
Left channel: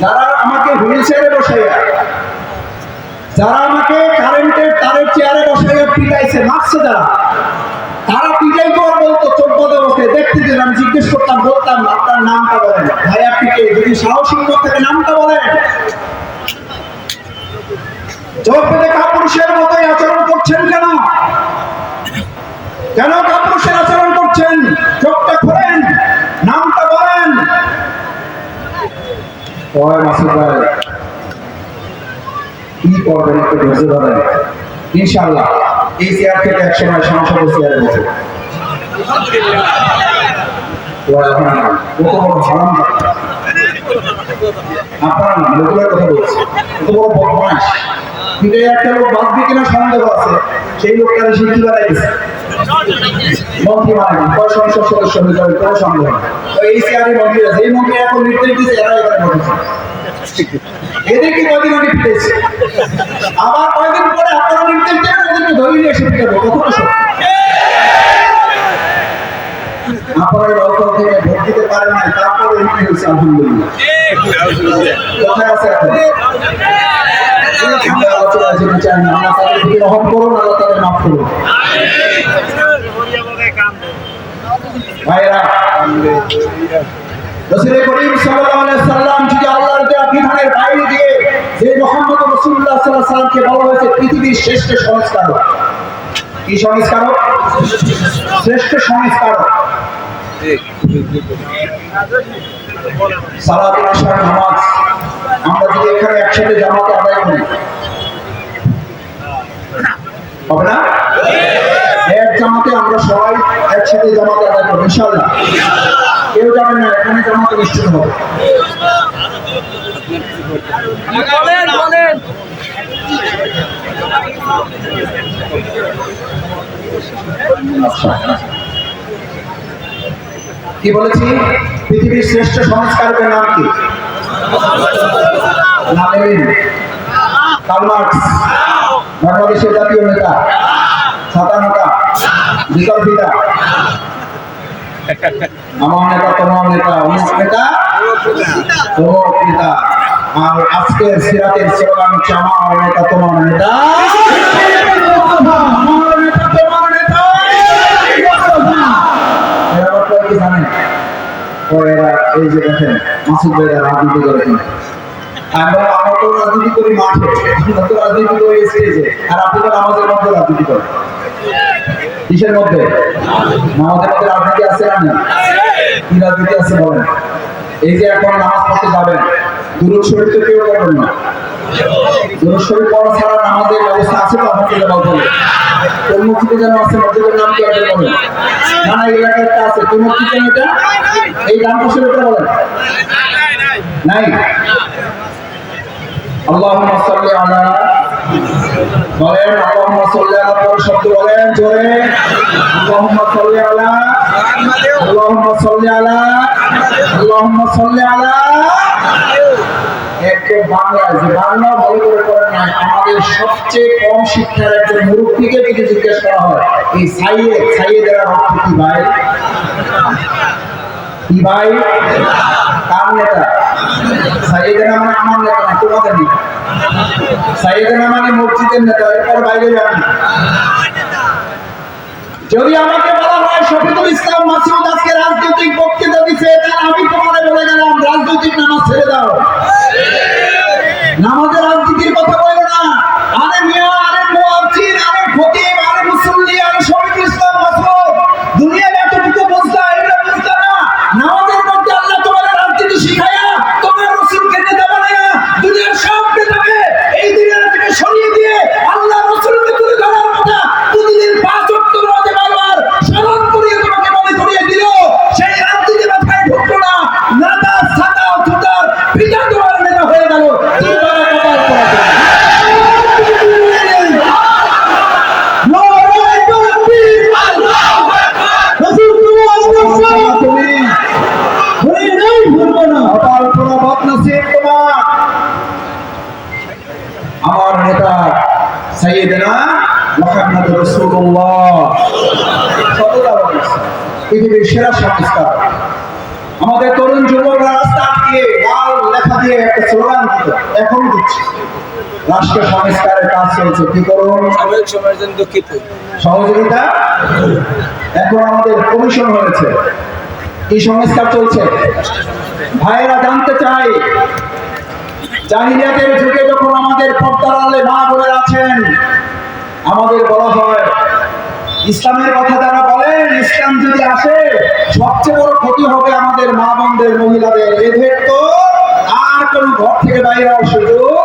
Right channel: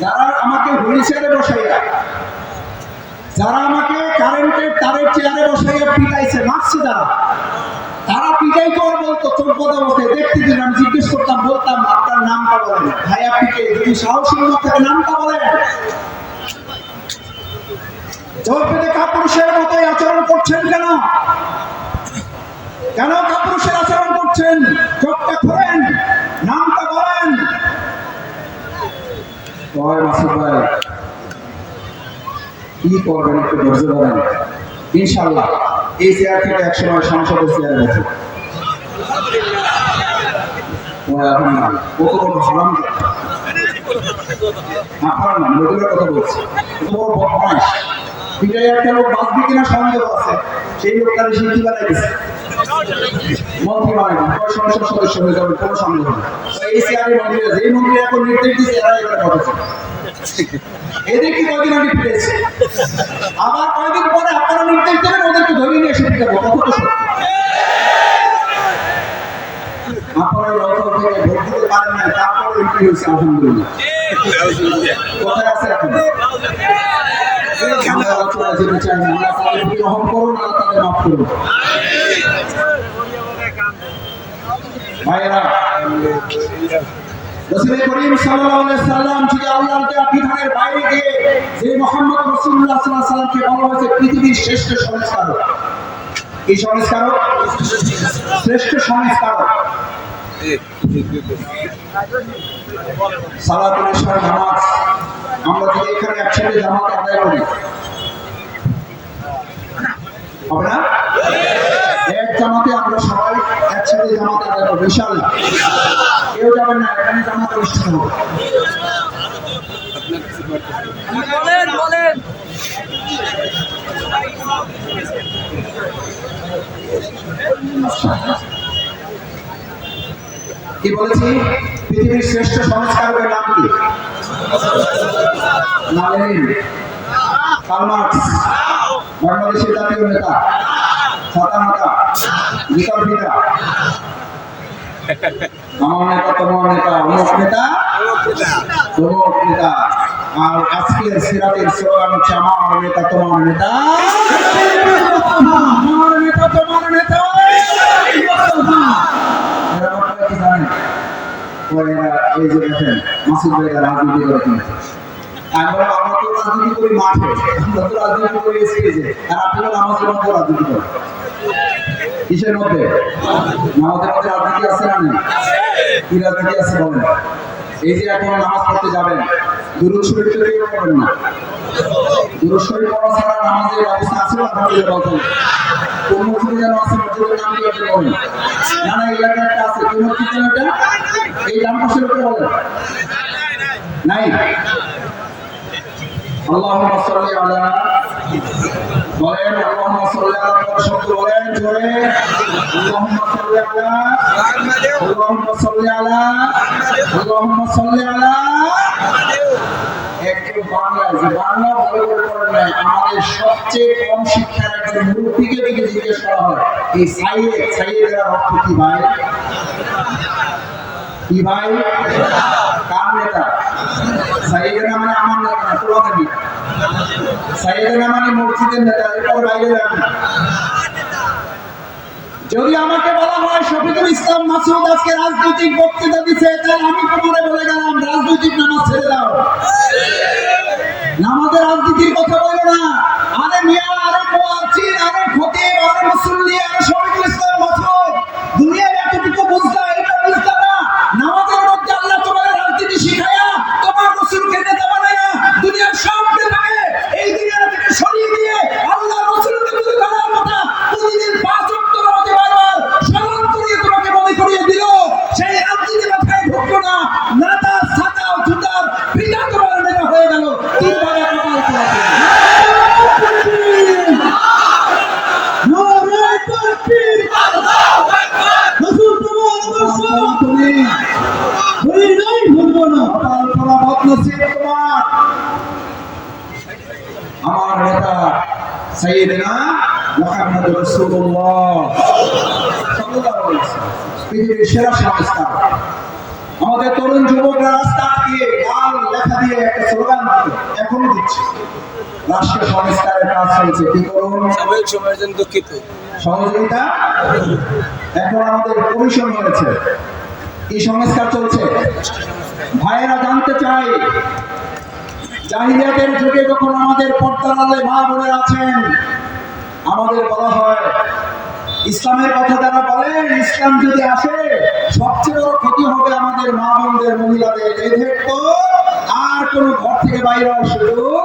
যারা আমাকে হুইল চেয়ারে বসাইয়া, যারা আমাকে কারেন্টের তারের চেয়ারে বসাইয়া পিটাইছে, মারছে যারা, তারা পিটাই করার বলতো চোখ বদে বসে দেখতে দিন, আমি জিজ্ঞেস করতাম, বলতাম আপনার নামটা বলেন ভাই, আপনি কে? যদি সাহসী থেকে নামটা বলেন। চোখ পেতে কাপুরুষের মতোই আচরণ করছেন কেন? কেন কাপুরুষের আচরণ করছেন? চোখটা খোলেন, নামটা বলেন। মাসুদ ভাই কি করবেন একটু ধৈর্য ধরেন, ইনশাআল্লাহ এই চেয়ার থেকে একসময় সংসদের চেয়ারে বসে। আপনারা না লোকের কথা বলছে, এত বড় বদমাইশ পিটাই একটা লোক বাঁচবে কিনা সন্দেহ আছে, সেই লোকটা সে কি বানাই দিচ্ছে মন্ত্রী মানে সংসদ সদস্য হয়ে যাবে কোনো সন্দেহ নেই। এই চেয়ারে মন্ত্রী আছে, এই মন্ত্রী এখন নির্দেশ দিচ্ছে, এরা এবারে বসেছে। এদেরকে কয়দিন ওটি পিটাইছে, আবার কয়দিন পরে আপনারা নির্দেশ দেবেন ওদেরকে ধরে নিয়ে এসে পিটাবো, কখনো সত্য। আপনারা দল থেকে ভোট দিতে পারেন নাই, তারপরে এমপি হয়েছে আলহামদুলিল্লাহ। কোথায় আছে এখন? আলোচনা যেতে চাই না, আল্লাহ তাদেরকে রহম করুন, আল্লাহ তাদের মাফ করুন। ভাইয়েরা, রাসূল করিম সাল্লাল্লাহু আলাইহি সাল্লাম যদি আল্লাহর দেওয়া বিধানের বাইরে গিয়ে যে মুহাম্মদ রাসূলুল্লাহ সাল্লাল্লাহু আলাইহি সাল্লামকে বলা হয়েছে পৃথিবীর শ্রেষ্ঠ সংস্কারক, কি সংস্কারক? শ্রেষ্ঠ সংস্কারক। সালাতুল আশর নামাজ আমরা যদি এখানে একসাথে জামাত আদায় করি হবে না? এক জামাতে আমরা সবাই একসাথে জামাত আদায় করবো ইনশাআল্লাহ। কেউ যাবেন না, এখানে জামাত নিশ্চিত হবে। বলেন বলেন কি বলেছি? পৃথিবীর শ্রেষ্ঠ সংস্কারকের নাম কি? লেনিন, কার্ল মার্কস, বাংলাদেশের জাতীয় নেতা, ছাতানতা, বিকল্পিতা, আমার নেতা, তোমার নেতা, অমুক নেতা, তমুক নেতা। আর আজকের সিরাতের স্লোগান হচ্ছে আমার নেতা, তোমার নেতা, আমার নেতা, তোমার নেতা। এরা কয়েক কি জানেন? এরা এই যে দেখেন মাসুদ ভাইরা রাজনীতি করেন, আমরা তো রাজনীতি করি মাঠে, আমরা তো রাজনীতি করি স্টেজে, আর আপনারা আমাদের মধ্যে রাজনীতি করেন। কিসের মধ্যে? আমাদের মধ্যে রাজনীতি আছে না? কি রাজনীতি আছে বলেন? এই যে এখন নামাজ পড়তে যাবেন, দুরূদ শরীফ তো কেউ পড়বেন না। দুরূদ শরীফ পড়া ছাড়া নামাজের ব্যবস্থা আছে তো আপনাকে বলতে হবে। কোন মসজিদে যেন আছে, মসজিদের নাম কি আপনি বলেন? না না, এলাকায় একটা আছে, কোন মসজিদ যেন এটা? এই ডান পাশের উপরে বলেন নাই। আল্লাহুম্মা সাল্লি আলা, বলেন আল্লাহুম্মা সাল্লি আলা, পরে শব্দ বলেন জোরে, আল্লাহুম্মা সাল্লি আলা মুহাম্মাদ, আল্লাহুম্মা সাল্লি আলা, আল্লাহুম্মা সাল্লি আলা। একটু বাংলায় যে বাংলা ভালো করে পড়েন নাই, আমাদের সবচেয়ে কম শিক্ষার একজন মুরব্বীকে যদি জিজ্ঞেস করা হয় এই সাইয়েদের অর্থ কি ভাই? কি ভাই? কার নেতা? সাইয়েদনা মানে আমার নেতা না, তোমাদের নেতা। সাইয়েদনা মানে মসজিদের নেতা, এরপর বাইরে যান না। যদি আমাকে বলা হয় শফিকুল ইসলাম মাসুদ আজকে রাজনৈতিক বক্তৃতা দিচ্ছে, তাহলে আমি তোমাদের বলে গেলাম রাজনৈতিক নামাজ ছেড়ে দাও, নামাজের রাজনীতির কথা বলো না। আরে মিয়া, আরে মুয়াজ্জিন, আরে খতিব, আরে মুসল্লি, আরে শফিকুল ইসলাম মাসুদ, দুনিয়ার এতটুকু বুঝলা, এটা বুঝলা না? নামাজের মধ্যে আল্লাহ তোমার রাজনীতি শিখায়া তোমার রাসূলকে নেতা বানায়া দুনিয়ার সব নেতাকে এই দুনিয়া থেকে সরিয়ে দিয়ে আল্লাহ রাসূলকে তুলে ধরার কথা প্রতিদিন 5 ওয়াক্ত নামাজে বারবার স্মরণ করিয়ে তোমাকে মনে করিয়ে দিল। সেই রাজনীতি মাথায় ঢুকলো না, রাষ্ট্র সংস্কারের কাজ চলছে। কি করুন? সহযোগিতা। এখন আমাদের কমিশন হয়েছে, কি সংস্কার চলছে? ভাইয়েরা জানতে চাই, জাহিলিয়াতের যুগে যখন আমাদের পর্দার আড়ালে মা বোনেরা আছেন, আমাদের বলা হয় ইসলামের কথা যারা বলেন, ইসলাম যদি আসে সবচেয়ে বড় ক্ষতি হবে আমাদের মা বোনদের, মহিলাদের। এদের তো আর কোন ঘর থেকে বাইরে হওয়ার সুযোগ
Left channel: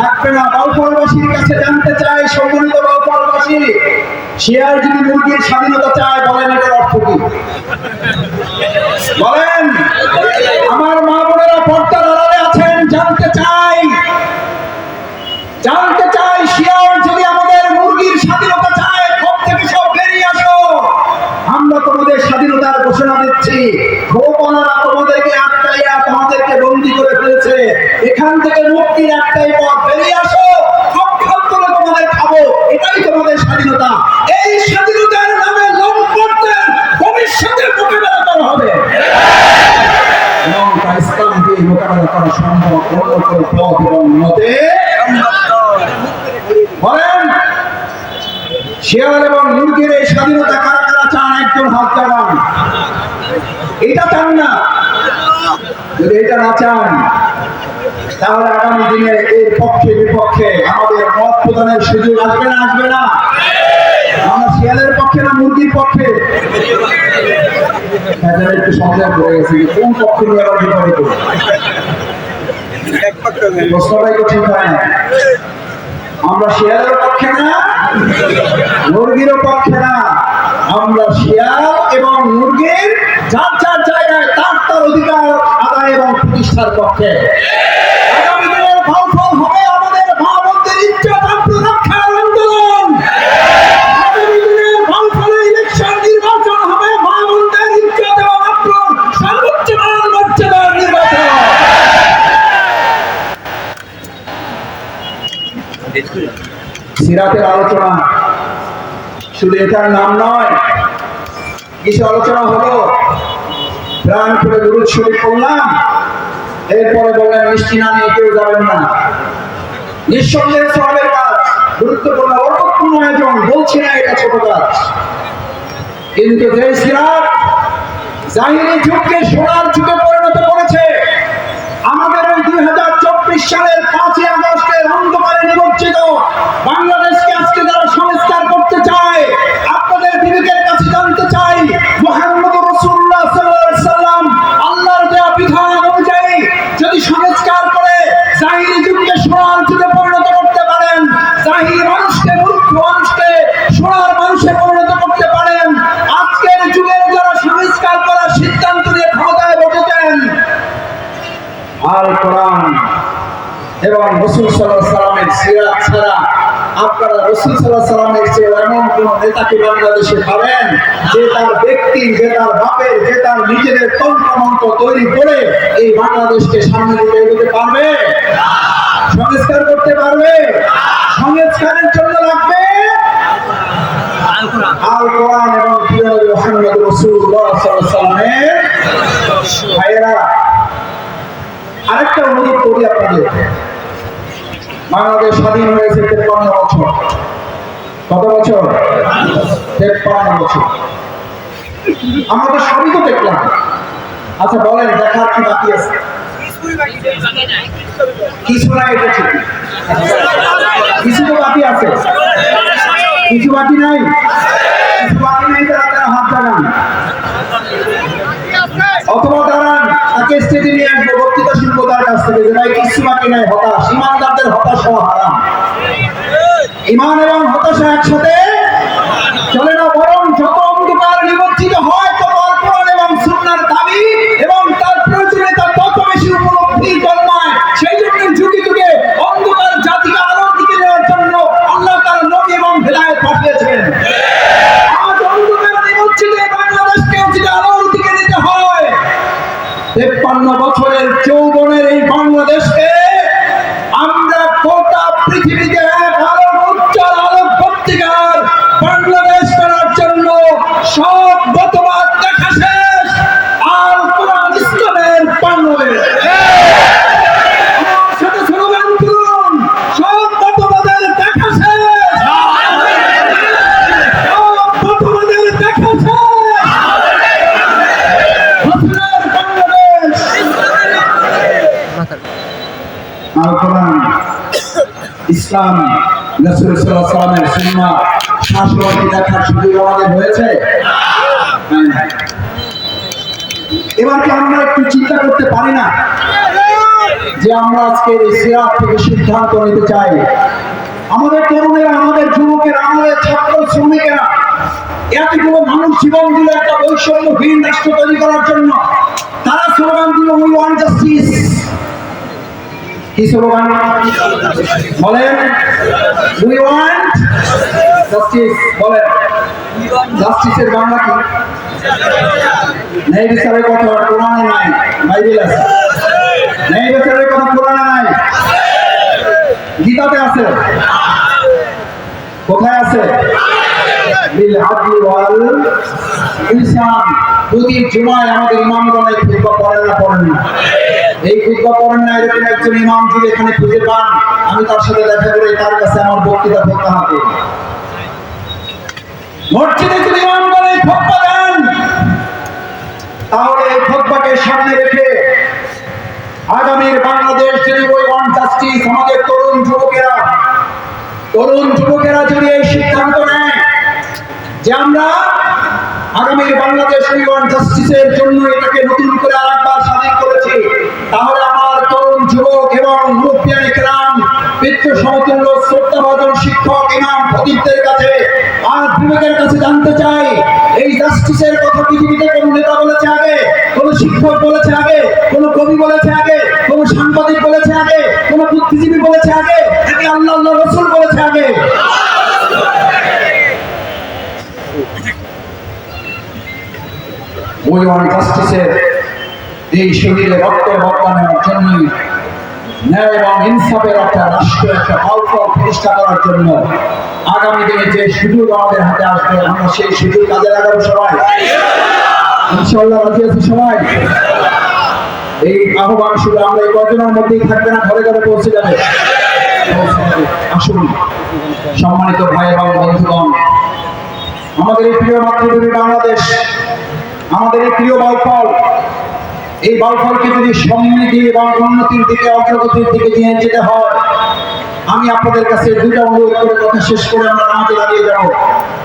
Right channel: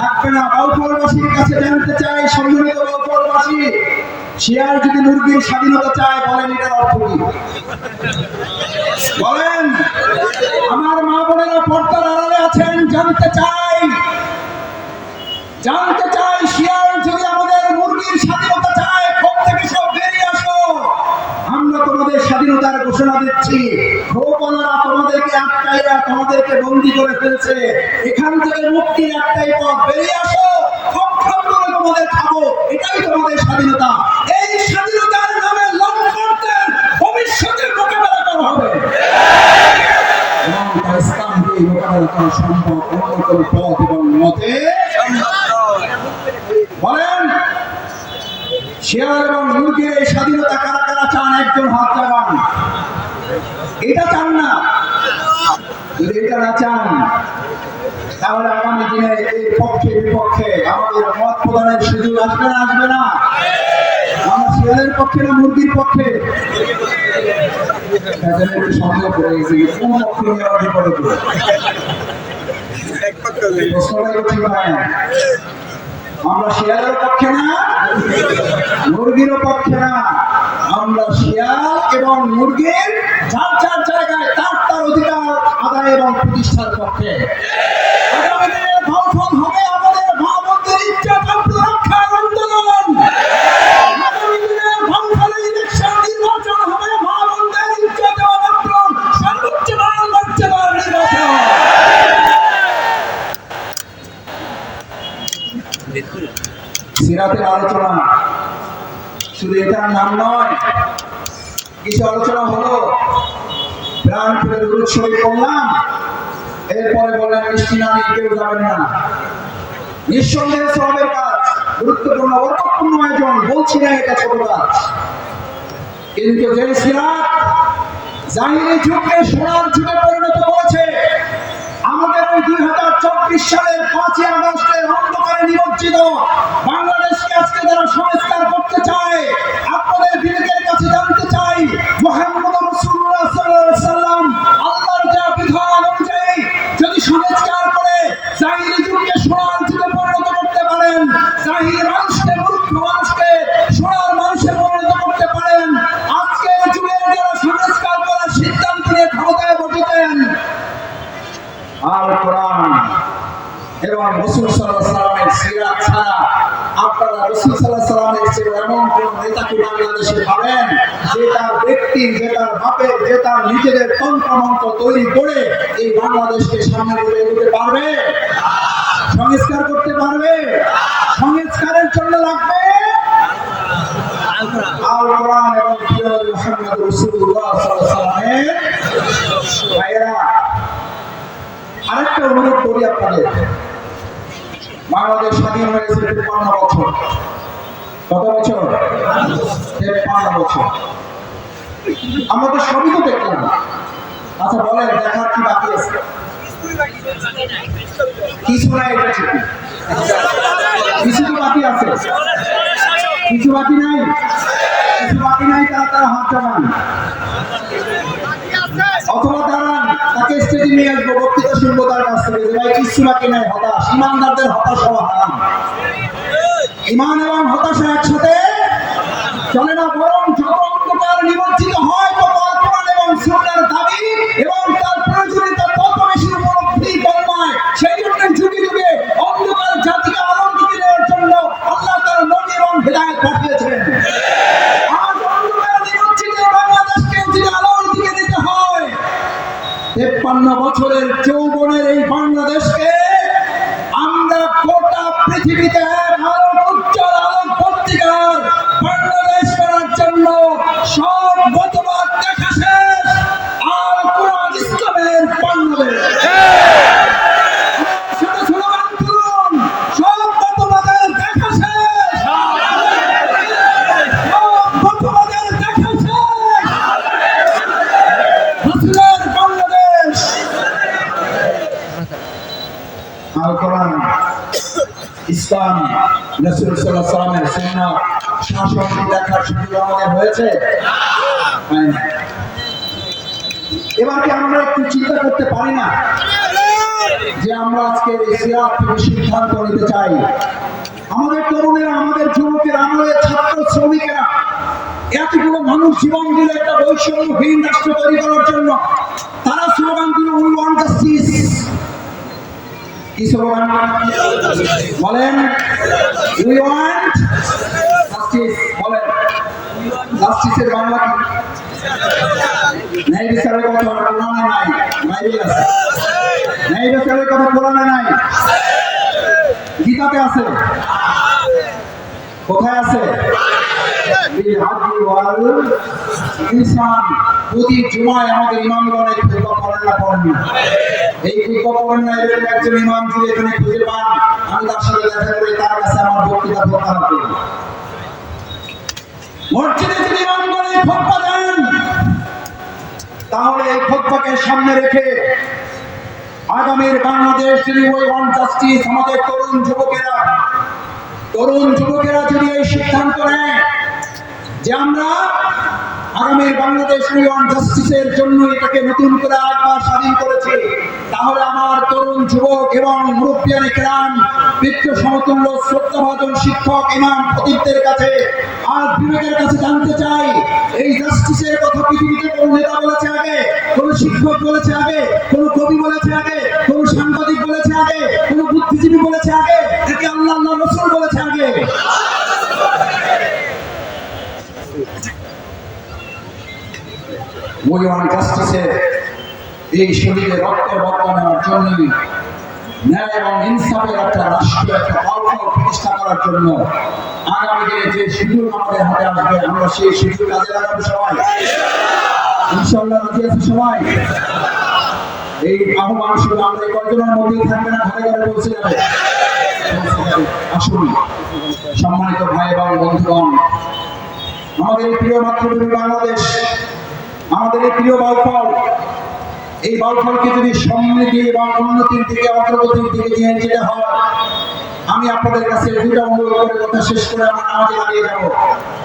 থাকবে না। বাউফলবাসীর কাছে জানতে চাই, সম্মানিত বাউফলবাসী, শেয়ার যদি মুরগির স্বাধীনতা চায়, বলেন এটার অর্থ কি? বলেন। আমার মা বোনেরা পর্দার আড়ালে আছেন, জানতে চাই, শেয়ার যদি আমাদের মুরগির স্বাধীনতা চায়, ঘর থেকে সব বেরিয়ে আসো। আমরা তোমাদের স্বাধীনতার ঘোষণা দিচ্ছি। গোপালারা তোমাদেরকে আটকাইয়া তোমাদেরকে বন্দী করে ফেলেছে। এখান থেকে মুক্তির একটাই পথ, বেরিয়ে আসো, সব খাম করে তোমাদের খাবো। এটাই তোমাদের স্বাধীনতা। এই স্বাধীনতার নামে লম্পটদের ভবিষ্যতে মোকাবেলা করা হবে এবং ইসলামকে মোকাবেলা করা সম্ভব। অন্য কোনো পথ এবং মতে বলেন। শেয়াল এবং মুরগির এই স্বাধীনতা কারা কারা চান? একজন হাত জাগান। এটা চান না? যদি এটা না চান, তাহলে আগামী দিনে এর পক্ষে বিপক্ষে আমাদের মত প্রদানের সুযোগ আসবে না? আসবে না? আমরা শেয়ালের পক্ষে না মুরগির পক্ষে? একটু সন্দেহ করে গেছে, কোন পক্ষ নিয়ে আবার বিপদে পড়ে? প্রশ্নটাই তো ঠিক হয় না। আমরা শেয়ালের পক্ষে না, মুরগির পক্ষে না। আমরা শেয়াল এবং মুরগির যার যার জায়গায় তার তার অধিকার আদায় এবং প্রতিষ্ঠার পক্ষে। আগামী দিনের ফলাফল হবে আমাদের মা বোনদের ইজ্জত রক্ষার আন্দোলন। আগামী দিনের ফলাফলে ইলেকশন, নির্বাচন হবে মা বোনদের ইজ্জত এবং আন্দোলন সর্বোচ্চ মান মর্যাদার নির্বাচন। সিরাতের আলোচনা শুধু এটার নাম নয়, কিছু আলোচনা হলো, প্রাণ করে দুরূদ শরীফ পড়লাম, এরপরে বললেন মিষ্টি না নিয়ে কেউ যাবেন না। নিঃসন্দেহে সওয়াবের কাজ, গুরুত্বপূর্ণ অর্থপূর্ণ আয়োজন, বলছি না এটা ছোট কাজ। কিন্তু যে সিরাত জাহিলি যুগকে সোনার যুগে পরিণত করেছে, আমাদের ওই 2024 সালের 5ই আগস্টের অন্ধকারে নিমজ্জিত বাংলাদেশকে আজকে যারা সংস্কার করতে চায়, আপনাদের বিবেকের কাছে জানতে চাই, মুহাম্মদুর রাসূলুল্লাহ সাল্লাল্লাহু আলাইহি সাল্লাম আল্লাহর দেয়া বিধান অনুযায়ী যদি সংস্কার করে জাহিলি যুগকে সোনার যুগে পরিণত করতে পারেন, জাহিলি মানুষকে, মূর্খ মানুষকে সোনার মানুষে পরিণত করতে পারেন, আজকের যুগের যারা সংস্কার করার সিদ্ধান্ত নিয়ে ক্ষমতায় বসেছেন, আল কোরআন এবং রাসূল সাল্লাল্লাহু আলাইহি সাল্লামের সিরাত ছাড়া আপনারা রাসূল সাল্লাল্লাহু আলাইহি সাল্লামের চেয়ে এমন কোন নেতাকে বাংলাদেশে পাবেন যে তার ব্যক্তি, যে তার বাপের, যে তার নিজেদের তন্ত্রমন্ত্র তৈরি করে এই বাংলাদেশকে সামনে নিয়ে এগোতে পারবে? সংস্কার করতে পারবে? সংস্কারের জন্য লাগবে আল কোরআন এবং মুহাম্মদ রাসূলুল্লাহ সাল্লাল্লাহু আলাইহি সাল্লামের। ভাইয়েরা, আরেকটা অনুরোধ করি আপনাদের, বাংলাদেশ স্বাধীন হয়েছে 53 বছর। কত বছর? 53 বছর। আমরা তো সবই তো দেখলাম। আচ্ছা বলেন, দেখার কি বাকি আছে? কিছু নাই, এটা ঠিক। কিছু তো বাকি আছে। কিছু বাকি নাই? কিছু বাকি নাই, তারা হাত জাগান অথবা দাঁড়ান, তাকে স্টেজে নিয়ে আসবো, বক্তৃতা শুনবো তার কাছ থেকে যে ভাই কিছু বাকি নাই। হতাশ, ইমানদারদের হতাশ হওয়া হারাম। ইমান এবং হতাশা একসাথে চলে না, বরং যত অন্ধকার নিমজ্জিত হয় তত কোরআন এবং সুন্নাহর দাবি এবং তার প্রয়োজনীয়তা তত বেশি উপলব্ধি জন্মায়। সেই জন্য যুগে যুগে অন্ধকার জাতিকে আলোর দিকে নেওয়ার জন্য আল্লাহ তার নবী এবং হিদায়াত পাঠিয়েছেন। আজ অন্ধকার নিমজ্জিত বাংলাদেশকে যদি আলোর দিকে নিতে হয়, 53 বছরের যৌবনের এই বাংলাদেশকে আমরা গোটা পৃথিবীতে এক আলোক, উজ্জ্বল আলোক পত্রিকার বাংলাদেশ করার জন্য সব মতবাদ দেখা শেষ। আল কোরআন ইসলামের বাংলাদেশ। সাথে স্লোগান তুলুন, ইসলাম রাসূল সাল্লাল্লাহু আলাইহি ওয়াসাল্লামের সুন্নাহ শাসন দেখার সুযোগ আমাদের হয়েছে? এবার কি আমরা একটু চিন্তা করতে পারি না যে আমরা আজকে এই সিরাত থেকে সিদ্ধান্ত নিতে চাই, আমাদের তরুণেরা, আমাদের যুবকেরা, আমাদের ছাত্র শ্রমিকেরা এতগুলো মানুষ জীবন দিল একটা বৈষম্যহীন রাষ্ট্র তৈরি করার জন্য। তারা স্লোগান দিল উই ওয়ান্ট জাস্টিস। কি স্লোগান বলেন? We want justice. বলেন জাস্টিসের বাংলা কি? ন্যায় বিচারের কথা কোরআনে নাই, বাইবেলে আছে। ন্যায় বিচারের কথা কোরআনে নাই, গীতাতে আছে। কোথায় আছে? প্রতি জুমায় আমাদের ইমামগণ এই খুতবা পড়েন না? পড়েন না? এই খুতবা পড়েন না এরকম একজন ইমাম যদি এখানে খুঁজে পান, আমি তার সাথে দেখা করে তার কাছে আমার বক্তৃতা প্রত্যাহার করি। মসজিদে যদি ইমামগণ এই খুতবা দেন, তাহলে এই খুতবাকে সামনে রেখে আগামীর বাংলাদেশ যদি ওই ওয়ান জাস্টিস, আমাদের তরুণ যুবকেরা যদি এই সিদ্ধান্ত নেয় যে আমরা আগামীর বাংলাদেশ ওই ওয়ান জাস্টিসের জন্য এটাকে নতুন করে আরেকবার স্বাধীন করেছি, তাহলে আমার তরুণ যুবক এবং মুরব্বিয়ানে কেরাম, পিতৃ সমতুল্য শ্রদ্ধাভাজন শিক্ষক, ইমাম, খতিবদের কাছে আর বিবেকের কাছে জানতে চাই, এই জাস্টিসের কথা পৃথিবীতে কোন নেতা বলেছে আগে? কোন শিক্ষক বলেছে আগে? কোন কবি বলেছে আগে? কোন সাংবাদিক বলেছে আগে? কোন বুদ্ধিজীবী বলেছে আগে? নাকি আল্লাহ রাসূল বলেছে আগে? ওই ওয়ান জাস্টিসের এই শহীদের রক্ত বদলানোর জন্যই, ন্যায় এবং ইনসাফের একটা রাষ্ট্র, একটা ফলাফল প্রতিষ্ঠা করার জন্য আগামী দিনে যে সুযোগ আমাদের হাতে আসবে, আমরা সেই সুযোগ কাজে লাগাবো সবাই। ইনশাআল্লাহ রাজি আছি সবাই? এই আহ্বান শুধু আমরা এই কয়জনের মধ্যেই থাকবে না, ঘরে ঘরে পৌঁছে যাবে। আসুন সম্মানিত ভাই এবং বন্ধুগণ, আমাদের এই প্রিয় মাতৃভূমি বাংলাদেশ, আমাদের এই প্রিয় বাউফল, এই বাউফলকে যদি সমৃদ্ধি এবং উন্নতির দিকে, অগ্রগতির দিকে নিয়ে যেতে হয়, আমি আপনাদের কাছে দুটো অনুরোধ করে কথা শেষ করে আমরা নামাজে দাঁড়িয়ে যাব।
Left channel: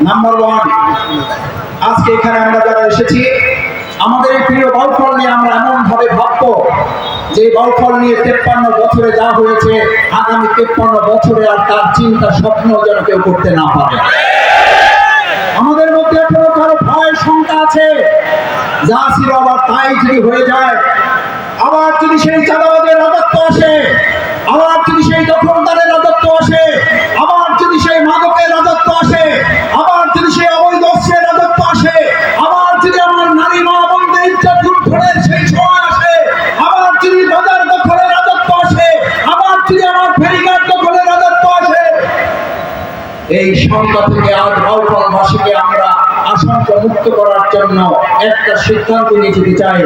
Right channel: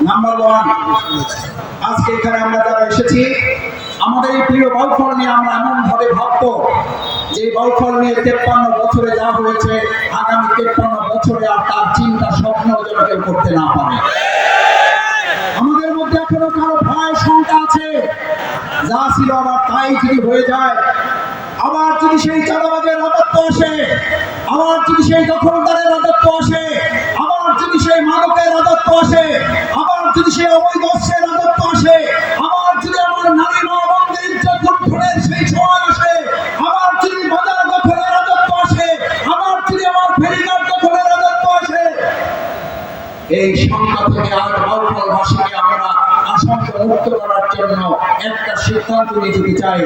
নাম্বার 1, আজকে এখানে আমরা যারা এসেছি, আমাদের এই প্রিয় বাউফল নিয়ে আমরা এমন ভাবে ভাববো যে বাউফল নিয়ে 53 বছরে যা হয়েছে, আগামী 53 বছরে আর তার চিন্তা স্বপ্ন যেন কেউ করতে না পারে। আমাদের মধ্যে এখনো কারো ভয় শঙ্কা আছে, যা ছিল আবার তাই যদি হয়ে যায়, আবার যদি সেই চাঁদাবাজের রাজত্ব আসে, আবার যদি সেই দখলদারের রাজত্ব আসে, আবার যদি সেই মাদকের রাজত্ব আসে, আবার যদি সেই অবৈধ অস্ত্রের রাজত্ব আসে, আবার যদি আমার নারী মা বোনদের ইজ্জত লুণ্ঠনের সেই সময় আসে, আবার যদি বাজার দখলের রাজত্ব আসে, আবার যদি আমার ফেরিঘাট দখলের রাজত্ব আসে, এই সংকট থেকে আর বাউফলবাসীকে আমরা আশঙ্কা মুক্ত করার জন্য একটা সিদ্ধান্ত নিয়ে যেতে চাই।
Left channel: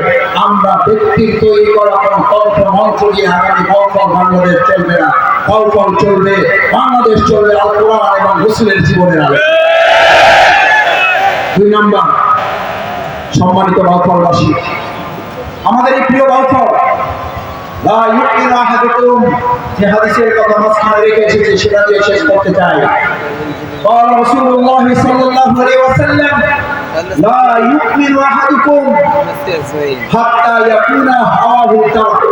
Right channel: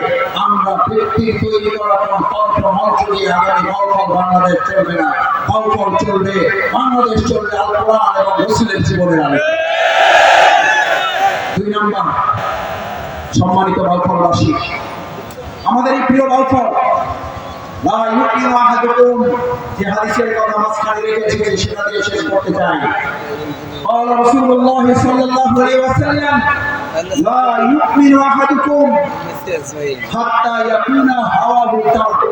আমরা ব্যক্তির তৈরি করা কোনো তন্ত্র মন্ত্র দিয়ে আগামী বাউফল বাংলাদেশ চলবে না। বাউফল চলবে, বাংলাদেশ চলবে আল কোরআন এবং রাসূলের জীবনের আলো। 2 নাম্বার, সম্মানিত বাউফলবাসী, আমাদের এই প্রিয় বাউফল, লা ইউমিনু আহাদুকুম, যে হাদিসের কথা মাঝখানে রেখেছি সেটা দিয়ে শেষ করতে চাই। قال رسول الله صلى الله عليه وسلم لا يؤمن احدكم حتى يكون هواه تبعه।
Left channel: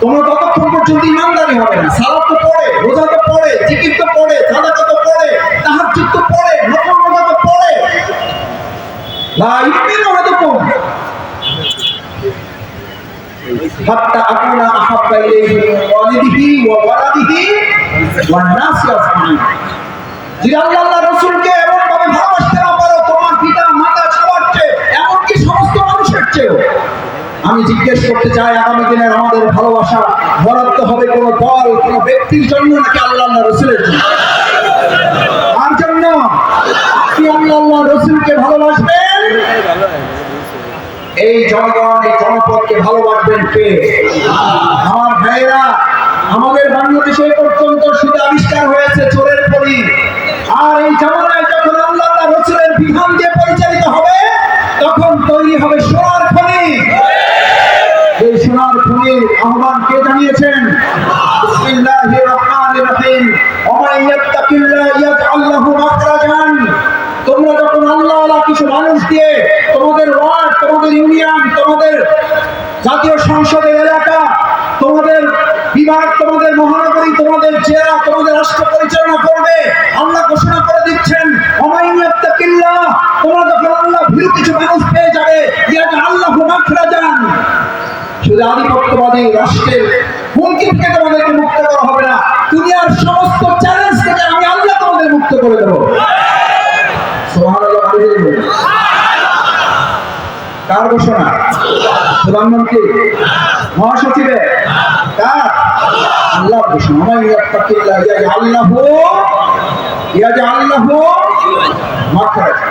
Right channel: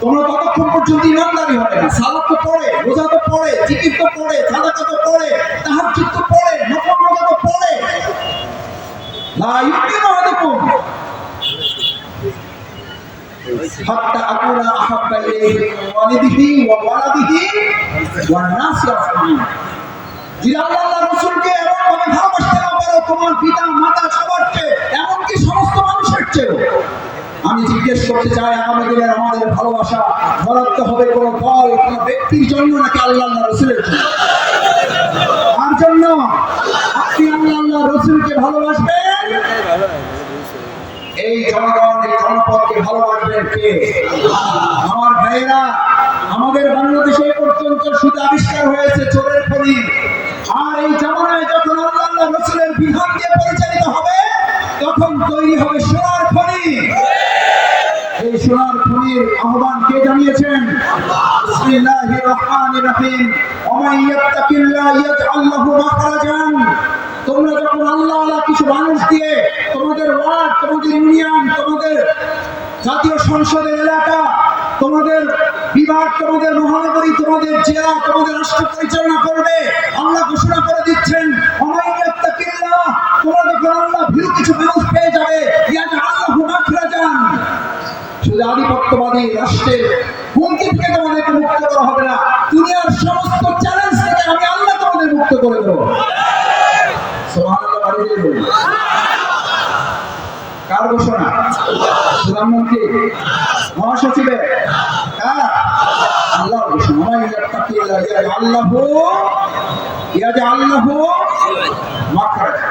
তোমরা ততক্ষণ পর্যন্ত ইমানদারি হবে না, সালাত তো পড়ে, রোজা তো পড়ে, জিকির তো পড়ে, সাদাকা তো পড়ে, তাহাজ্জুদ তো পড়ে, নফল রোজা তো পড়ে, লা ইউমিনু আহাদুকুম হাত্তা আকুনা আহাব্বা ইলাইহি মিন ওয়ালিদিহি ওয়া ওয়ালাদিহি ওয়ান নাসি আজমাইন। যদি আল্লাহ রাসূলকে এমন ভাবে ভালোবাসতে না পারো, তোমার পিতা মাতা সবার চেয়ে, এমনকি সমস্ত মানুষের চেয়ে, আমি জিজ্ঞেস করতে চাই, আগামী দিনের আমাদের ভালোবাসা বরাদ্দ হবে কোনো দল, কোনো ব্যক্তির জন্য নাকি আল্লাহ রাসূলের জন্য? আর জন্য আপনি আল্লাহ রাসূলকে ভালোবাসবেন, এই জনগণ, এই জনপদকে ভালোবাসবেন কে? আমার ভাইরা, আমাদের বাংলাদেশে পর্যন্ত শুধু আবিষ্কার হয়েছে চোরের খনি, আর এই জামানায় যখন আল্লাহ রাসূলের বিধান দিয়ে পরিচালিত হবে, তখন তৈরি হবে সোনার খনি। এই সোনার খনির আহ্বান কে জানিয়েছেন? বিসমিল্লাহির রহমানির রহিম ওয়া মান ইয়াত্তাকিল্লাহ ইয়াজআল লাহু মাখরাজান। তোমরা যখন আল্লাহওয়ালা কিছু মানুষ দিয়ে তোমাদের ওয়ার্ড, তোমাদের ইউনিয়ন, তোমাদের জাতীয় সংসদের এলাকা, তোমাদের বিভাগ, তোমাদের মহানগরী, তোমাদের জেলা, তোমাদের রাষ্ট্র পরিচালনা করবে, আল্লাহ ঘোষণা করে দিচ্ছেন ওমাইয়াত্তাকিল্লাহ, তোমরা যখন আল্লাহ ভীরু কিছু মানুষ পেয়ে যাবে, ইয়াজআল লাহু মাখরাজান। শুধু আধিপত্যবাদী রাষ্ট্রের হুমকি থেকে তোমাদেরকে মুক্ত করা হবে না, দুনিয়ার সমস্ত চ্যালেঞ্জ থেকে আমি আল্লাহ তোমাদের মুক্ত করে দেবো। সুবহানাল্লাহ। কার ঘোষণা? প্রধানমন্ত্রী, মহাসচিবের? কার? আল্লাহর ঘোষণা। ওমাইয়াত্তাকিল্লাহ ইয়াজআল লাহু মাখরাজান।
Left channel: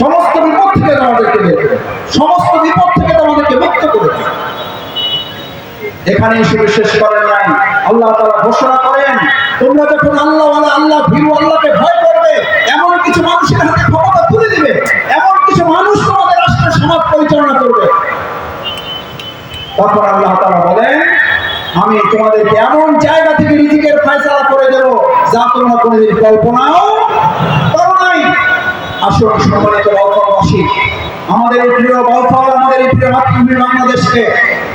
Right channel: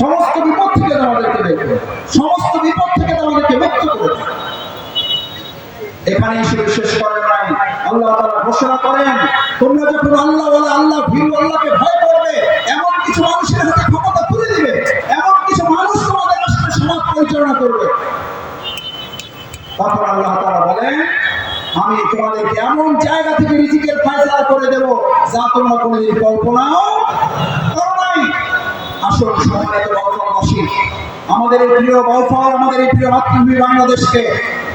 সমস্ত বিপদ থেকে তোমাদেরকে বের করে, সমস্ত বিপদ থেকে তোমাদেরকে মুক্ত করে দেবে। এখানেই শুধু শেষ করেন নাই, আল্লাহ তাআলা ঘোষণা করেন তোমরা যখন আল্লাহওয়ালা, আল্লাহ ভীরু, আল্লাহকে ভয় করবে, এমন কিছু মানুষের হাতে ক্ষমতা তুলে দিবে, এমন কিছু মানুষ তোমাদের রাষ্ট্রের সমাজ পরিচালনা করবে, তখন আল্লাহ তাআলা বলেন আমি তোমাদেরকে এমন জায়গা থেকে রিজিকের ফয়সালা করে দেব যা তোমরা কোনোদিন কল্পনাও করো নাই। আসুন সম্মানিত বাউফলবাসী, আমাদের এই প্রিয় বাউফল, আমাদের এই প্রিয় মাতৃভূমি বাংলাদেশকে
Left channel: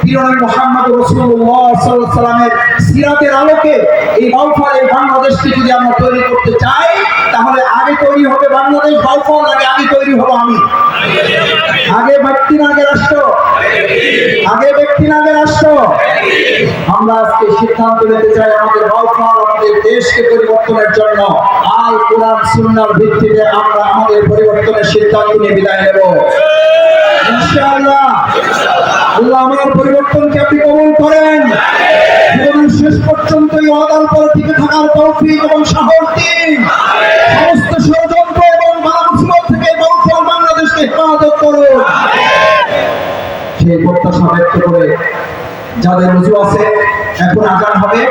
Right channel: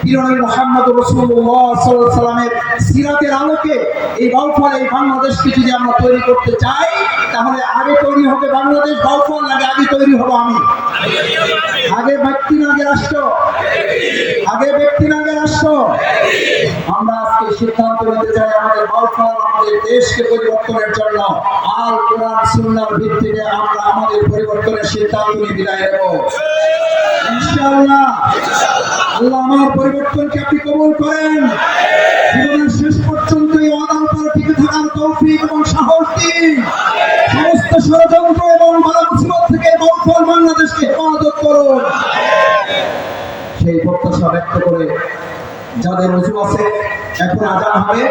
প্রিয় নবী মুহাম্মদ রাসূলুল্লাহ সাল্লাল্লাহু আলাইহি ওয়াসাল্লামের সিরাতের আলোকে এই বাউফল, এই বাংলাদেশকে যদি আমরা তৈরি করতে চাই, তাহলে আগে তৈরি হবে বাংলাদেশ, বাউফল আগে তৈরি হবো আমি। আগে ব্যক্তি না আগে রাষ্ট্র? আগে ব্যক্তি না আগে রাষ্ট্র? আমরা আজকে সিদ্ধান্ত নিতে চাই আমাদের বাউফল, আমাদের দেশকে পরিবর্তনের জন্য আল কোরআন সুন্নাহর ভিত্তিতে আমরা আমাদের পরিবর্তনের সিদ্ধান্ত নিয়ে বিদায় নেব ইনশাআল্লাহ। আল্লাহ আমার পরিবর্তনকে আপনি কবুল করেন, জীবনের শেষ পর্যন্ত এই ওয়াদার উপর টিকে থাকার তৌফিক এবং সাহস দিন। সমস্ত ষড়যন্ত্র এবং বালামুসিবত থেকে বাউফল বাংলাদেশকে হেফাজত করুন। সেই প্রত্যাশা ব্যক্ত করে যাদের রুজু আছে, এখন আজান হবে।